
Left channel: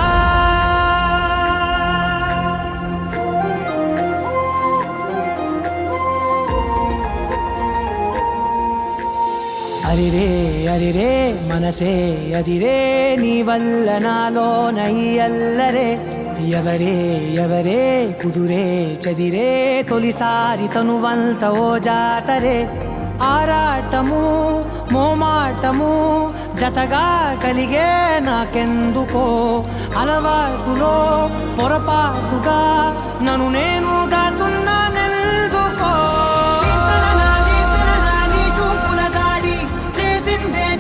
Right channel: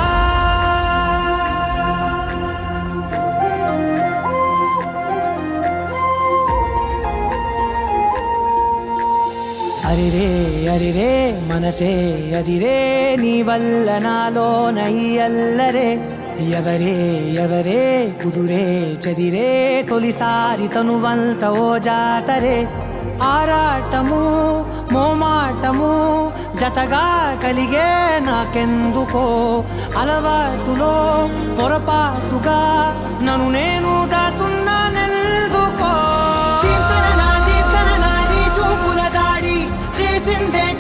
అరిరే మనసే అదిరే నీ వల్ల నాలో నై అల్లరే ఎవరే కుదురే చదిరే తొలిసారి తనువంత ఓ జాతరే ఆరాటము మోమాటము జతగా కలిగే నాకెందుకో అలవాటులో పొరపాటుగా నన్ను నేను దాస్తున్నానెందుకో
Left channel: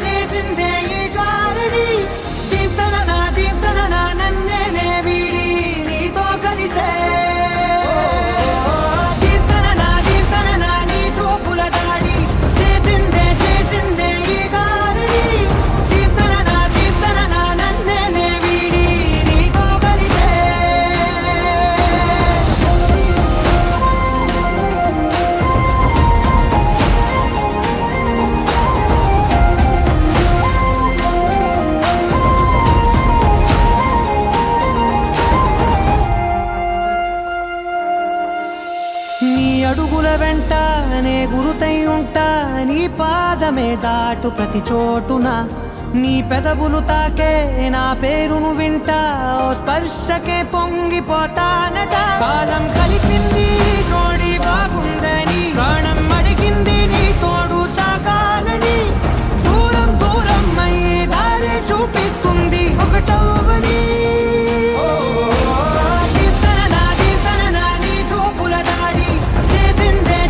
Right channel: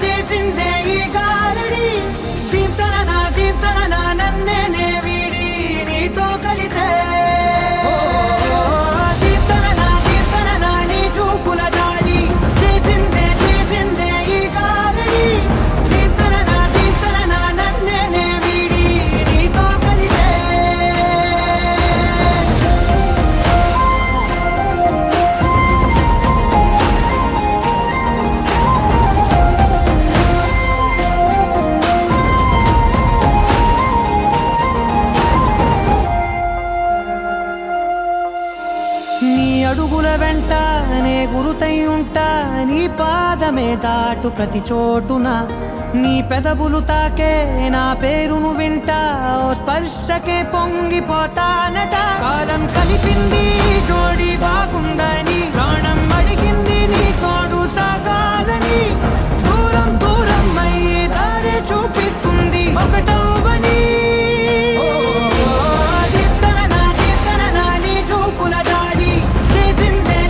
చేసిందే ఈ కారడి దీప్తన నన్నే వీడి నీతో కలిసే దీప్తన నీ చూపుల దాడి చేసిందే ఈ కారడి దీప్తన నన్నే వీడి నీతో కలిసే నీ అడుగుల వెంట నే గురుతై ఉంటా నీ పాదమే దాటు ప్రతి చోటున నీ పెదవులు తాకే నా పేరును వింటా ఓ స్పర్శకే పొంగిపోతానట కాలం కలిపింది జోడి బాగుందని ప్రాణం అడిగింది నీ తోడు సాగాలని దూరం అయ్యే దారి చూపిస్తుంది ఒకటవని దీప్తన నీ చూపుల దాడి చేసిందే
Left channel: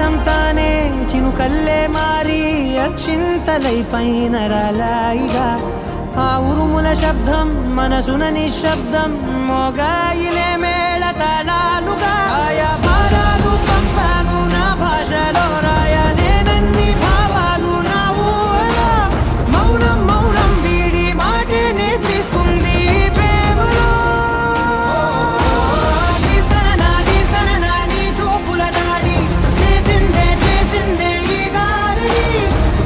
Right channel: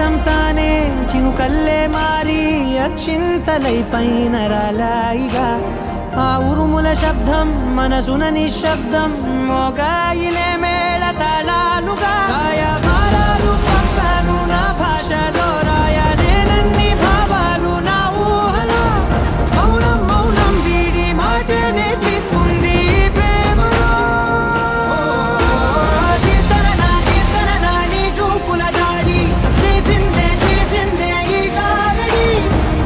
ఆకాశం తానే చినుకల్లే మారి అక్షింతలై పైన రాలాయిగా ఆ ఉరుముల శబ్దం మనసున నిశ్శబ్దం మోగాయిలే మేళ తాళాలుగా భారాలు పంపాను నా భాషలో రాయలేనన్ని భావాలు నా ఊహలో మౌనం మౌనం వీడి మాటే నేర్పిస్తుంది ప్రేమలో కీర్తన నీ చూపుల దాడి చేసిందే ఈ గారడి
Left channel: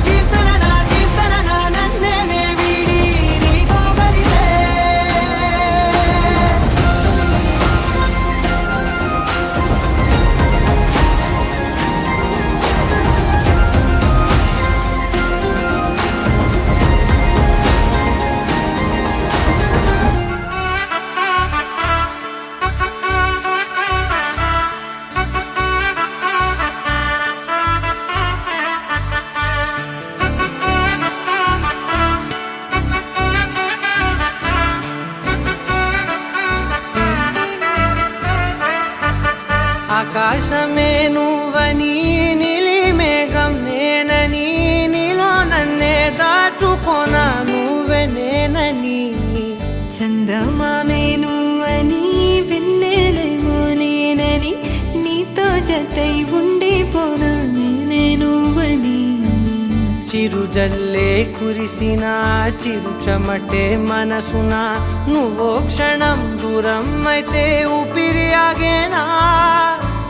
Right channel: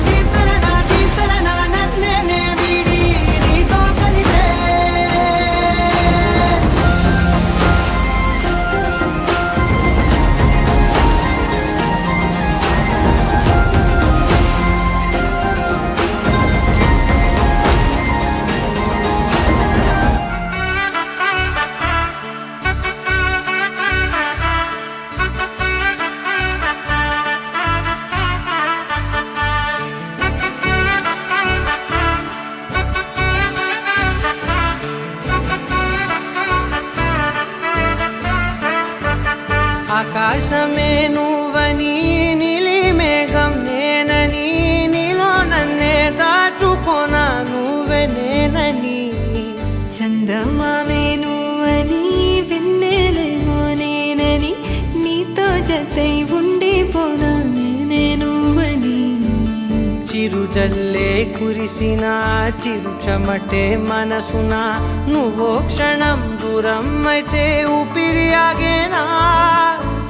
కీర్తన నన్నే వీడి నీతో కలిసే ఆకాశమే నువ్వని నీలి మేఘం నేనని నీలో నన్నే దాచుకోనా నువ్వే నేనని చందమామే నువ్వని వెన్నెలేమో నేనని నీతో జతై ఉండిపోనా నేనే నువ్వని చిరుజల్లే కురిసిన చిరు చెమటే మనసున నువ్వో క్షణం దూరం అయితే ఊపిరి ఆగేనా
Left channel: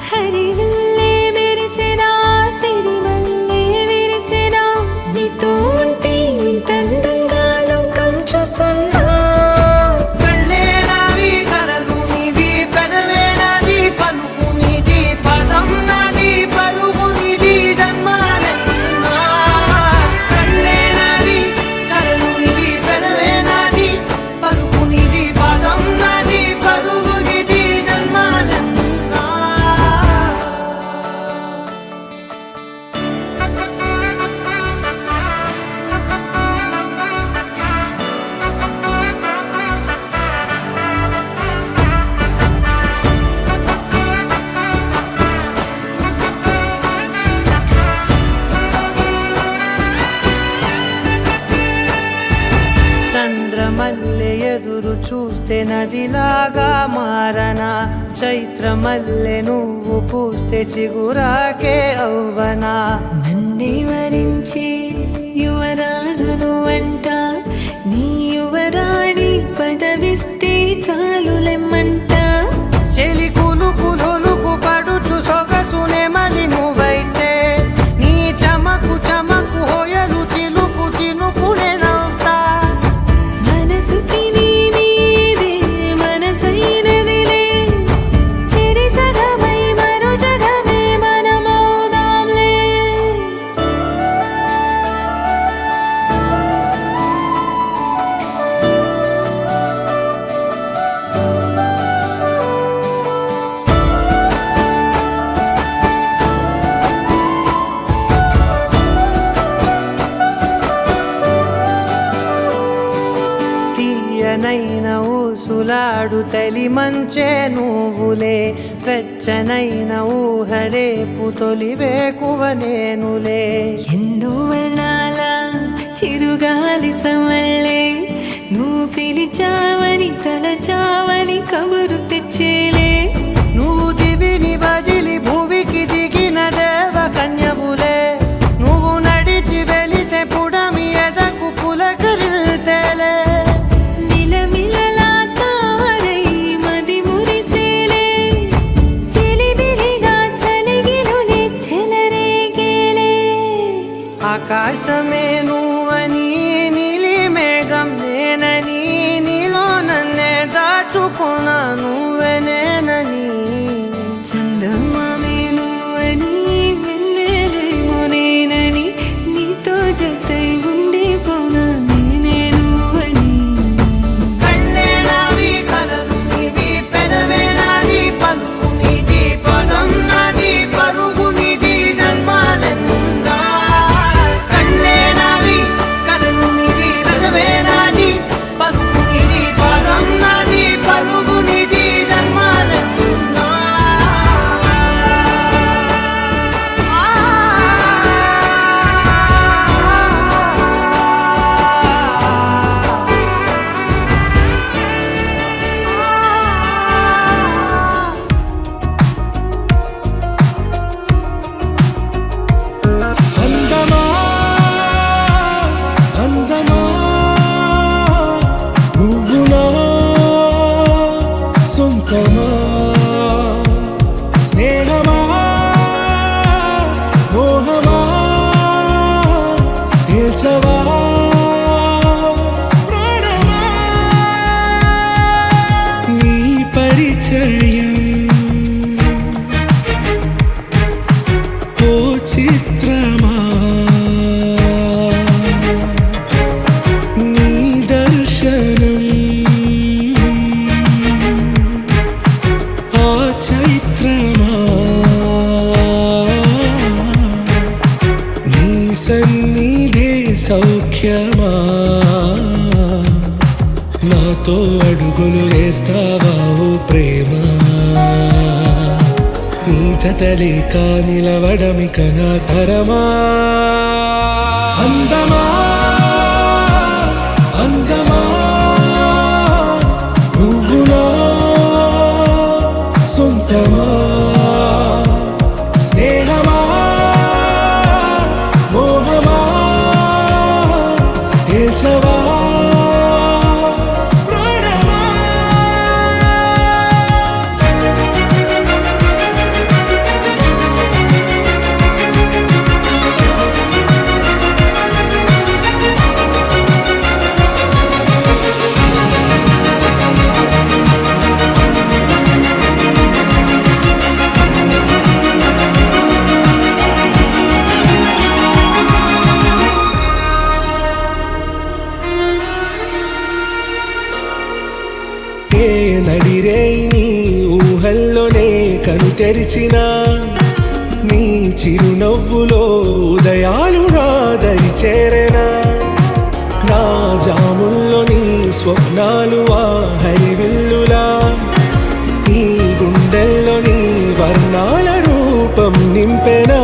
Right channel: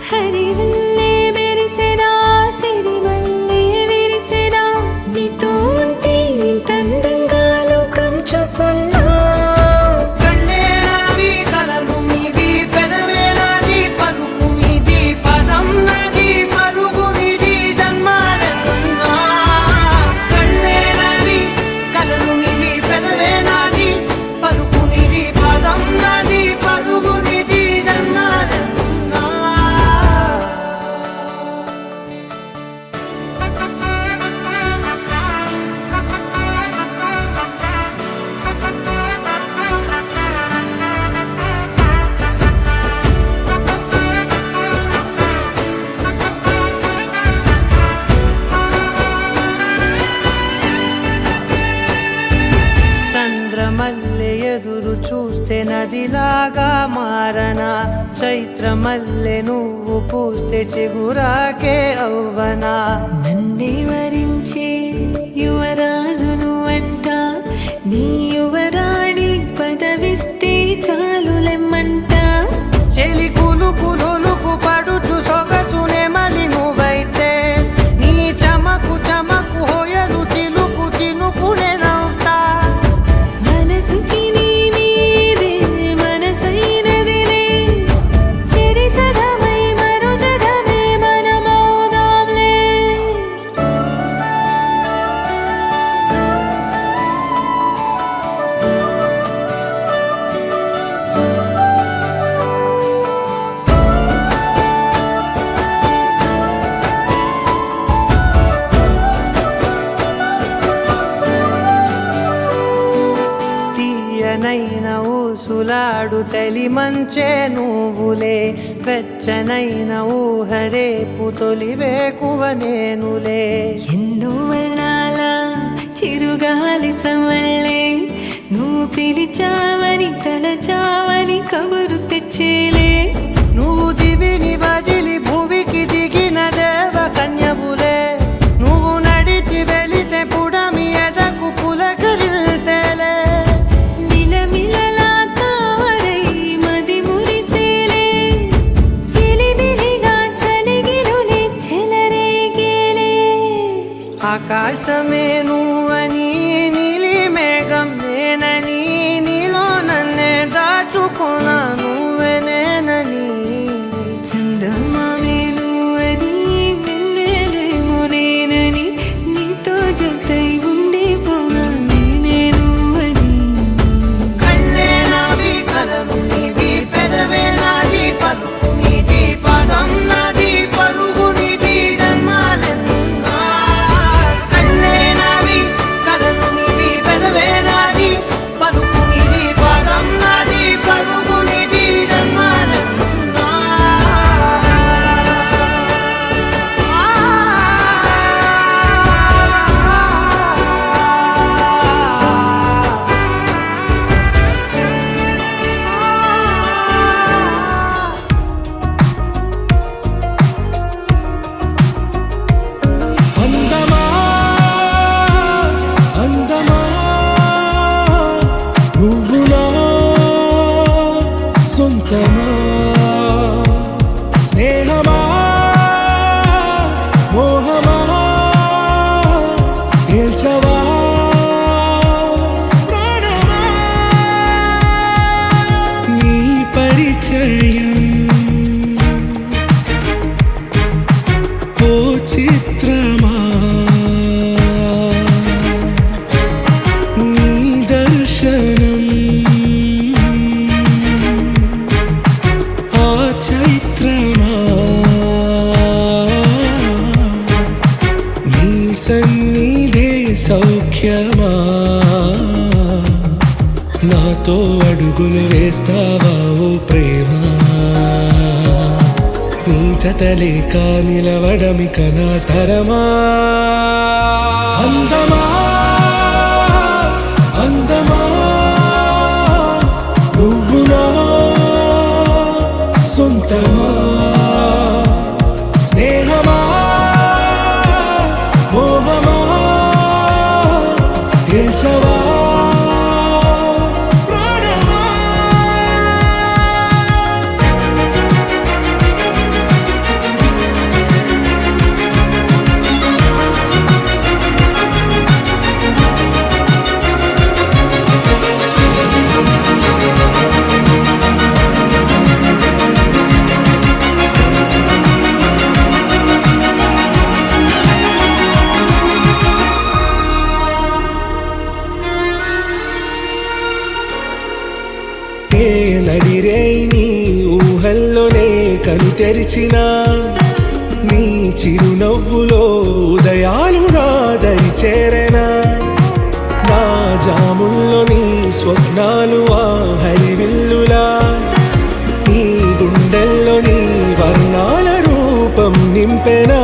హరివల్లే మెరిసెనా సిరివల్లే విరిసెనా నీతో ఉంటే ఇంతందంగా లోకం చూస్తున్నా కళ్ళే నావి కలలు నీవి పెనవే నాది పలుకు నీది పదం నాది పరుగు నీది జన్మాలెన్నున్నా కళ్ళే నావి కలలు నీవి పెనవే నాది పలుకు నీది పదం నాది పరుగు నీది జన్మాలెన్నున్నా చంద్రమల్లె ఎదురు చూస్తే నదిలాగా మారనా చైత్రమల్లె నువ్వు పూస్తే చిగురాకే అవ్వనా నన్నే వరించే యువరాజును అంట నీ యువరాణి పదవిస్తే చాలులెమ్మంట చెలి కులుకు పడుచు సొగసునే మలి నువ్వైతే నీ చమకు చమకు హోయలు చిలుకు చినుకునే నవ్వుతా మనసుకి నీ మీదే మనసైనదిలే చెరి సగమై మరో జగమే మనమౌదాంలే తీయనైన ఊసులాడు తలి మంచే నువ్వులే వెచ్చనైన ఊహరేపు తొలి వేకువ నేనులే ఎన్నో వర్ణాల చిరుగాలి సమళ్ళే నువ్వు పిలిచావని తలచావని కబురు తెచ్చేలే నువ్వు దివిని వదిలి భూమికి దిగిన దేవ కన్యవులే నువ్వు నడిచి వెళితే పుడమి ఎదకు పులకరిల్తేలే మిలమిలలా తారై మది మురిసేలే చిలిబిలిగా చలిగిలులే చెలరేగేలే ఆకాశమే నువ్వని నీలి మేఘం నేనని నీలో నన్నే దాచుకోనా నువ్వే నేనని చందమామే నువ్వని వెన్నెలేమో నేనని నీతో జతై ఉండిపోనా నేనే నువ్వని కళ్ళే నావి కలలు నీవి పెదవే నాది పలుకు నీది పదం నాది పరుగు నీది జన్మాలెన్నున్నా కళ్ళే నావి కలలు నీవి పెదవే నాది పలుకు నీది పదం నాది పరుగు నీది సొంతమా స్నేహమా మోహమా తేల్చవా ప్రాణమా నీ పరిచయం ఓ చిత్రమా నీ దర్శనం ఆ చైత్రమా నీ సన్నిధే సౌఖ్యమా నాతో అడుగులు వేస్తావా ఓ ప్రేమ నీ జతలేక నిలవడమిక నా తరమా అందమా అందమా నువ్వు నా సొంతమా స్నేహమా మోహమా తేల్చవా ప్రాణమా ఏ నడిరే నీ ఊహల్లోనే కను తెరిచిన నీ చిరునవ్వులో ఉదయాలు నా దరి చేరెనా నా జాముల్లో నీ స్వప్నాలు ఆ హరివిల్లులా నీ గుండెల్లో నీ వర్ణాల రూపం నింపెనా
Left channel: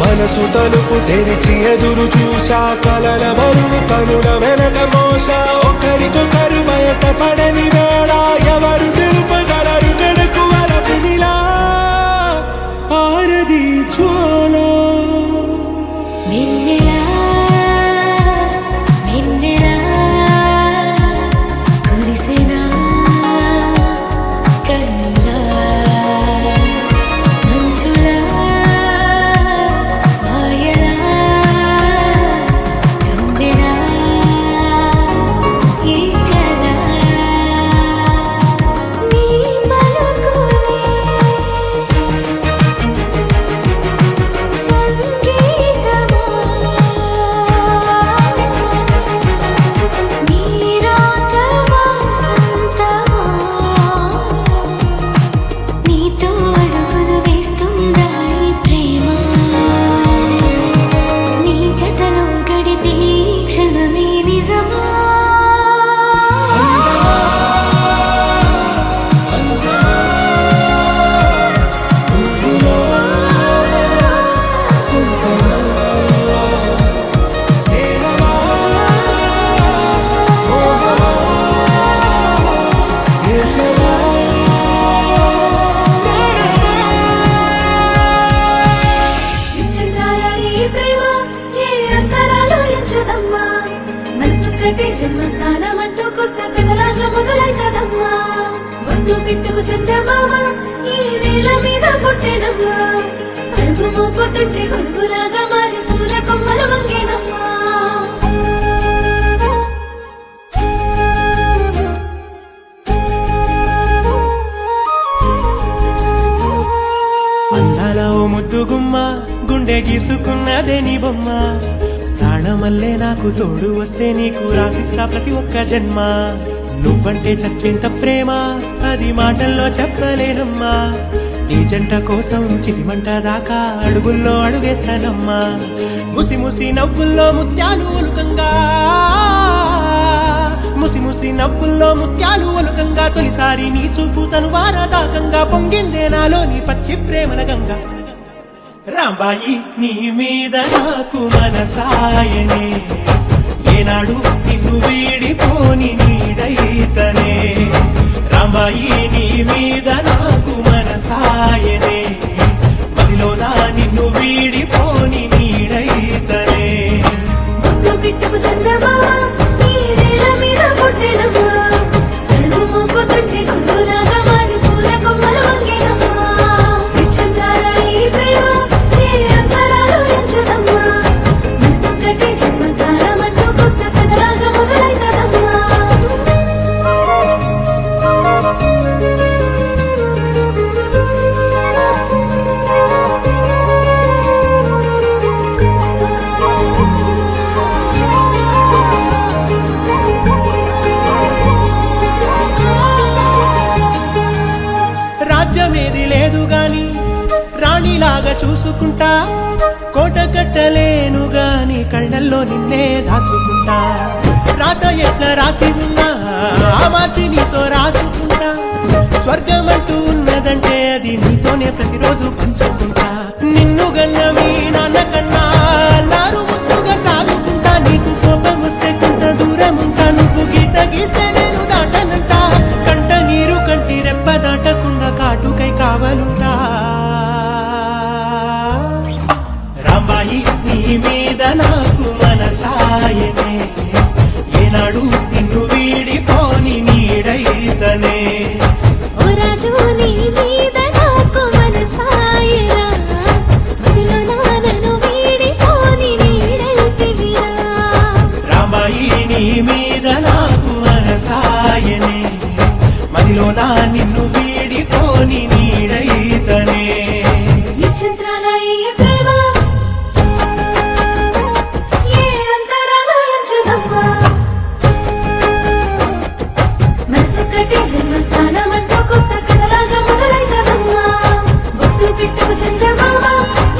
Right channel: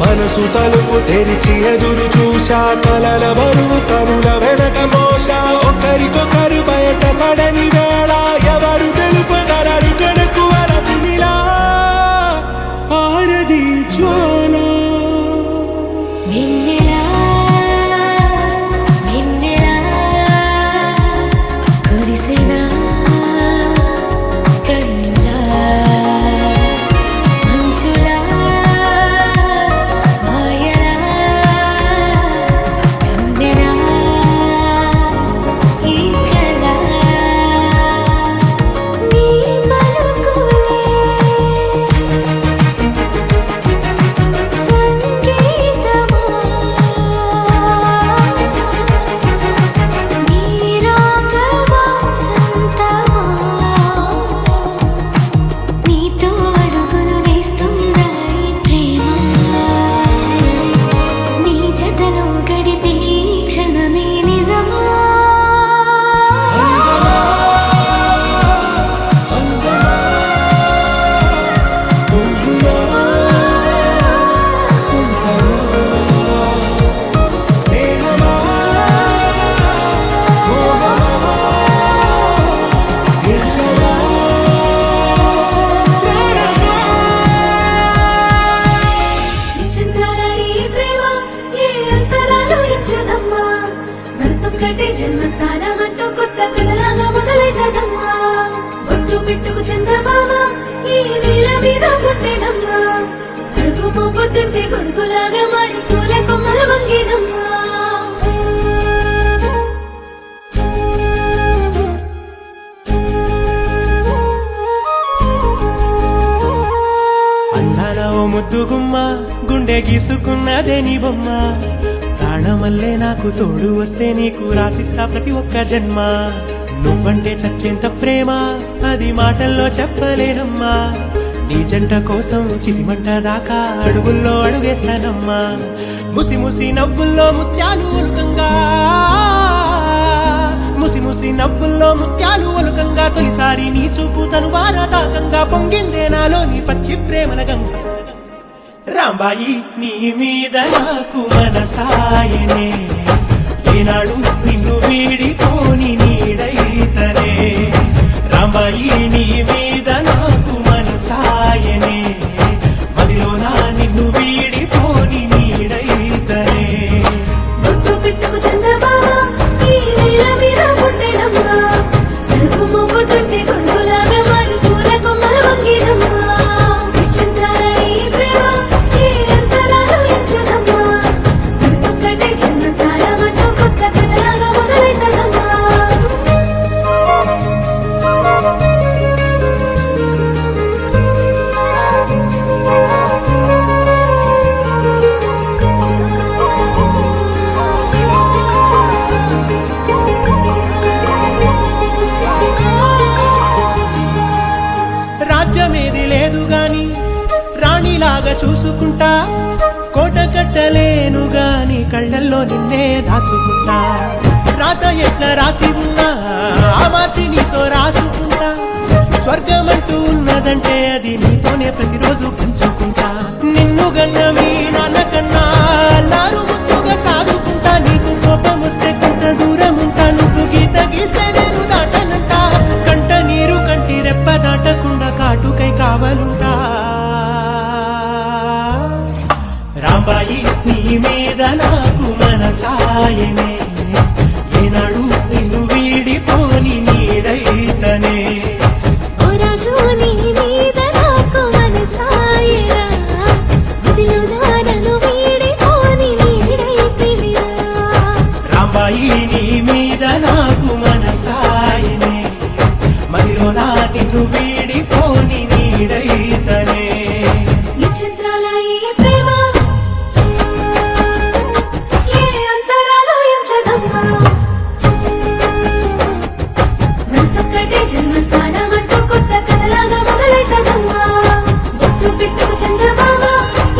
మనసు తలుపు తెరిచి ఎదురు చూశా కలల బరువు కనుల వెనక మోసా ఒకరికొకరు బయట పడని వేళ ఎవరు తెలుపగలరు గడకు వలపునిలా ఆరది జ్వాల వెన్నెలా వెన్నెలా కురిసెనా కన్నులా మంచులా మాయలా కమ్మెనా ఈ కళ నీ పలుకులే సంగీతమా నీ రాగవా సంతమా నీతో అడుగులు వేస్తుందా ఈ ప్రేమ నీ జతలో గడిపే ఈ క్షణమే నిజమా అందమా అందమా నువ్వు నా సొంతమా స్నేహమా మోహమా తేల్చవా ప్రాణమా చిత్రాల ఈ ప్రేమ ఏ అంతరాలు ఎంచుదమ్మా మనసు కట్టే జన్మస్థానం అంటూ కొత్త కథలాగా మొదలైతదమ్మా ఒట్టు పిట్టుకు చందమామ ఈ నేల మీద పుట్టేనమ్మా అడుగు మోపుతుంటే గొడుగులాగా మారి పూల కొమ్మలు వంగేనమ్మా అందాల ఓ ముద్దు గుమ్మ గుండె గీసుకున్నదే నీ బొమ్మ ప్రాణమల్లే నాకు తోడు వస్తే నీకు రాసిస్తా ప్రతి ఒక్క జన్మ నువ్వంటే చచ్చేంత ప్రేమ అది మాటల్లో చెప్పలేనమ్మా నీ జంట కోసం చితిమంట దాకా అడుగుల్లో అడుగేస్తానమ్మా ముసి ముసి నవ్వుల్లో ముత్యాలు ఒలుకంగా ముసి ముసి నవ్వుల్లో ముత్యాలు ఒలుకంగా తొలిసారి నీ చూపు తను వారదాకంగా పొంగిందే నాలో నీ పచ్చి ప్రేమల గంగా రాంబాయి నీ మీద నాకు మనసాయనే ఏనాడు నిన్ను వీడిపోని నీడైతనే రాంబాయి నీ మీద నాకు మనసాయనే మదిలోన నిన్ను వీడిపోని నీడైతనే ఒట్టు పిట్టుకు చందమామ ఈ నేల మీద పుట్టేనమ్మా అడుగు మోపుతుంటే గొడుగులాగా అడిగేది లేదు గాని రాణిలాగా చూసుకుంటా, కోట కట్టలేను గాని కళ్ళల్లో నిన్నే దాచుకుంటా. రాత ఎట్లా రాసి ఉన్నా ఆ మార్చి నీతో రాసుకుంటా. స్వర్గమంటూ ఉన్నదంటే అది నీతోనే ప్రతిరోజు పంచుకుంటా. నిన్ను గన్న మీ నాన్న కన్నా అల్లారు ముద్దుగా సాగుకుంటా. నీకు కోపం వస్తే కొంత దూరం ఉంటా, నువ్వు గీత గీస్తే నేను దాటనంటా. కంట నీరు కంటి రెప్ప దాటకుండా కాటుకై కావలుంటా. రాంబాయి నీ మీద నాకు మనసాయనే, ఏనాడు నిన్ను వీడిపోని నీడైతనే. ఓ రాజు నీ మీద నాకు మనసాయరా, మదిలో నన్ను వీడిపోని నీడైతివిరా. రాంబాయి నీ మీద నాకు మనసాయనే, మదిలో నా నిన్ను వీడిపోని నీడైతనే. విచిత్రాల ఈ ప్రేమ ఏ అంతరాలు ఎంచదమ్మా. మనసొక్కటే జన్మస్థానమంటూ కొత్త కథలాగా మొదలైతదమ్మా. గుర్తు పిట్టుకు చందమామ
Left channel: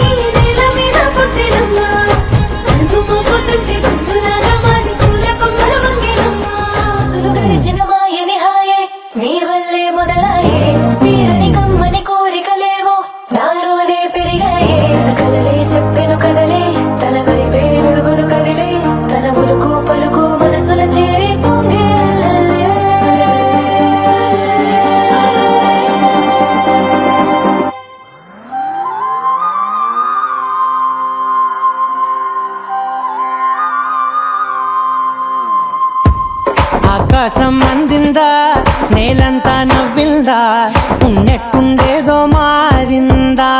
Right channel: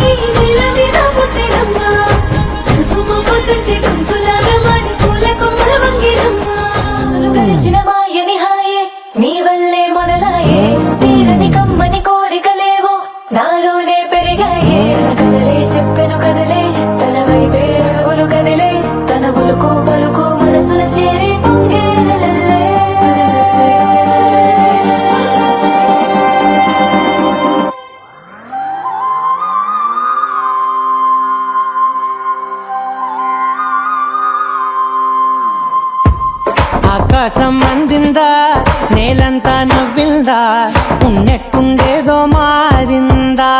ఈ నేల మీద పుట్టెనమ్మా. మనకు మోపుతుంటే గుంపులాగా మారి పూల కొమ్మలు వంగేనమ్మా. అసలు గడిచిన మాయని హాయే నీ వల్లే మొదలాయే. తీరని కమ్మని కోరికలేవో నాలోనే పెరిగాయే. తన కదలే చెప్పెను కదలే, తన వైపే అడుగులు కదిలే. తన గులుకు పలుకు మనసుల చేరే పొంగే అలలే. ఆకాశం అందిందా, నేలంతా నవ్విందా, ఉన్నట్టుండేదో మారిందా.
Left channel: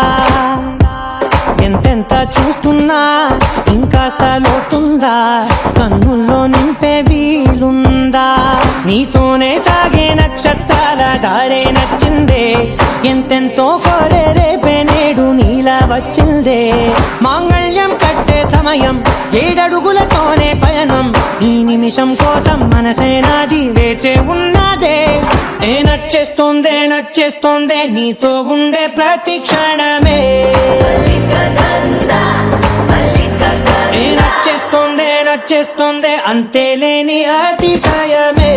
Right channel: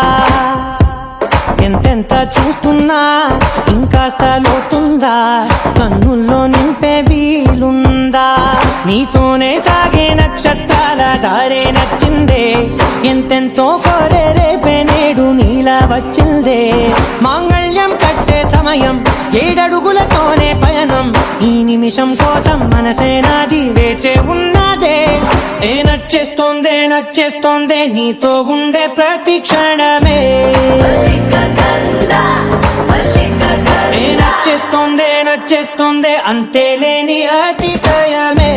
ఎంతెంత చూస్తున్నా ఇంకాస్త లోతుందా, కన్నుల్లో నింపే వీలుందా. నీతోనే సాగే నక్షత్రాల దారే నచ్చిందే, ఎంతెంతో కోరే రేపే నేడు నీలా వచ్చిందే. మాంగళ్యం కట్టే సమయం ఏడడుగులతోనే పయనం, ఈ నిమిషం కోసం మనసే నాది వేచే ఉన్నదే. ఏ నచ్చేస్తోందే నచ్చేస్తోందే నీతో ఉండే ప్రతి క్షణమే. ఏ నచ్చేస్తోందే నచ్చేస్తోందే అంతేలేని అతిశయమే.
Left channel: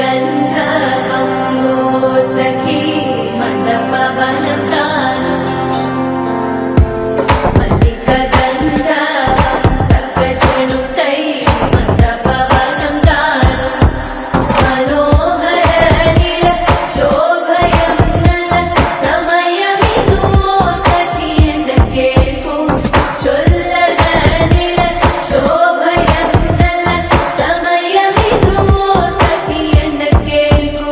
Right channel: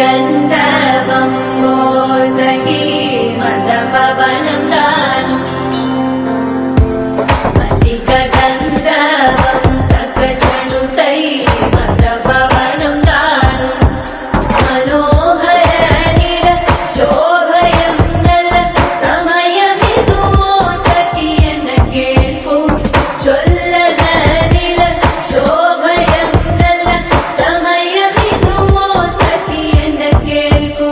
గంధర్వం మోసకి మందపవనం తాను. మల్లిక గంధర్వం తగ్గచణుతై మందపవనం తాను. మనోహర నీల శోభయం నల్ల సమయమిదు మోసకి ఎండ కేల్కు. చొల్లద నీల శోభయం నల్ల సమయమిదు మోసకి ఎండ కేల్కు.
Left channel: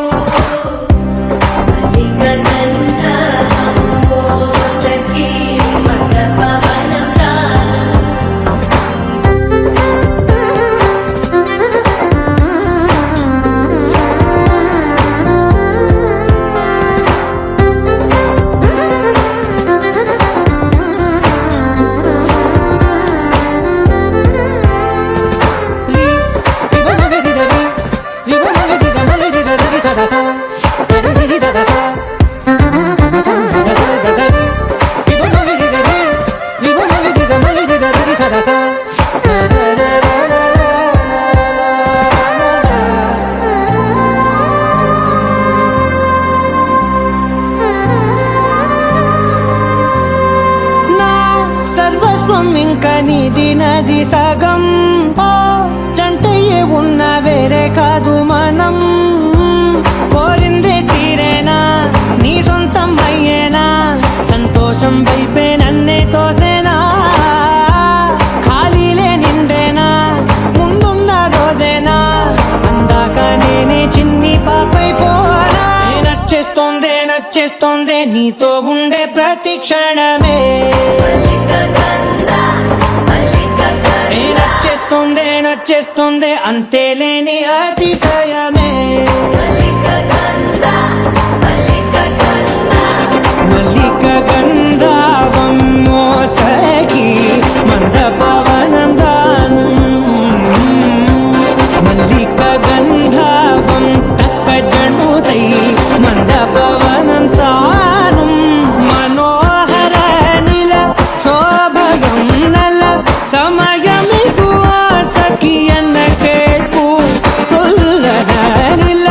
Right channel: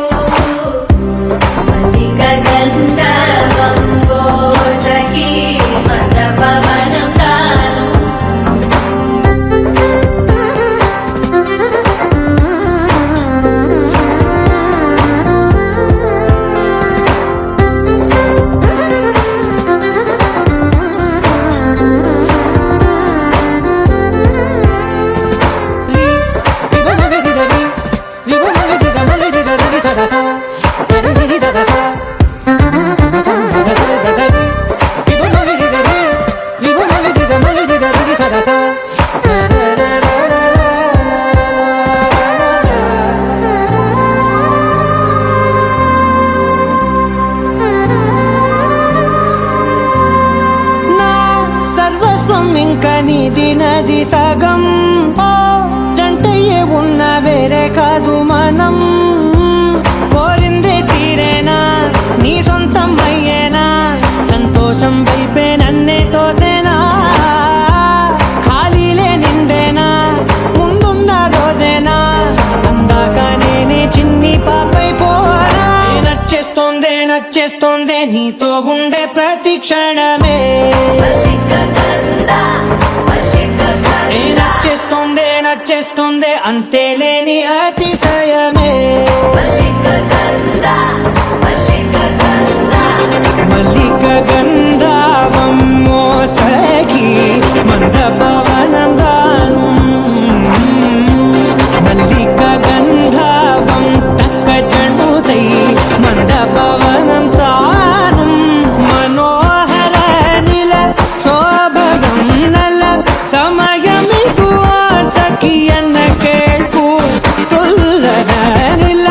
మల్లిక గంధర్వం మోసకి మందపవనం తాను. నా సర్వస్వం ఇంకా నీది నది సగం. ఓ జంటయ్యే ఉన్న వేరే కాదు మనం. కోరిందే తీరేనా నీ సొంతం అయ్యేనా, సంతోషం వైపే నన్నే తోసేనా. ఖాళీలే నిండేనా ముందున్న రోజేనా, అందాక నేనే చిన్ని పాపై పోనా. ఏ నచ్చేస్తోందే నచ్చేస్తోందే నీతో ఉండే ప్రతి క్షణమే. ఏ నచ్చేస్తోందే నచ్చేస్తోందే అంతేలేని అతిశయమే. మల్లిక గంధర్వం మోసకి మందపవనం దాను. మల్లిక గంధర్వం భవనం తానం మనోహర నిల శోభగం నల సమయమిగు సఖియన్న కేൾపు చొల్లన నిల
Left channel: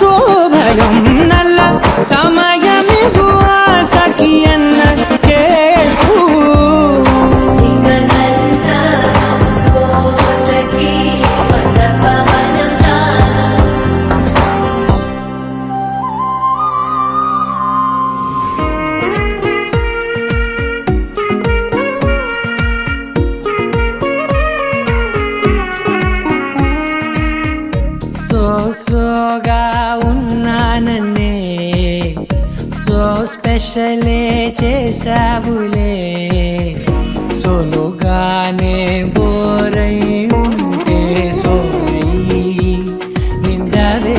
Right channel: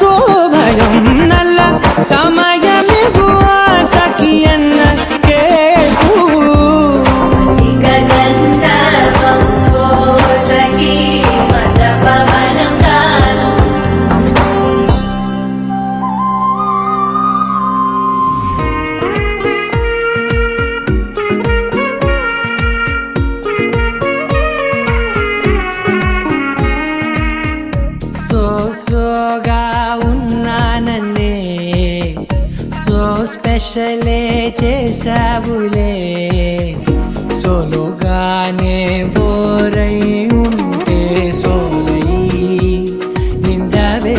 శోభగం నల్ల సమయమిగు సఖియన్న కేൾపు సోగా ఉన్నానన్నే సో స్పెషలే చేసావులే సోలోగానే బోరై ఉంటే సోలై నిండవే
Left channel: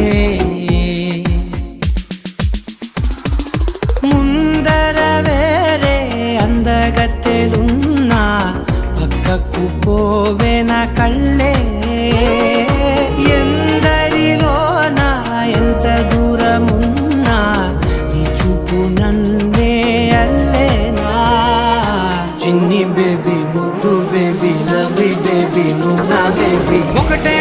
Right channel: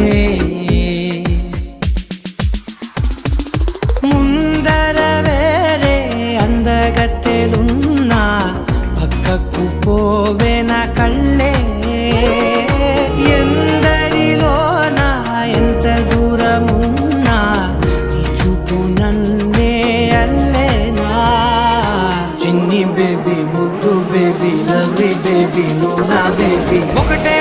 ముందర వేరే అందగత్తెలున్నా పక్కకు పోవే నా కళ్ళే ఎందరిలోనా ఎంత దూరమున్నా నీ చూపు నన్నే అల్లేనా చిన్ని బేబీ ముద్దు బేబీ లవ్లీ బేబీ నువ్వు నా బేబీ ఒకటే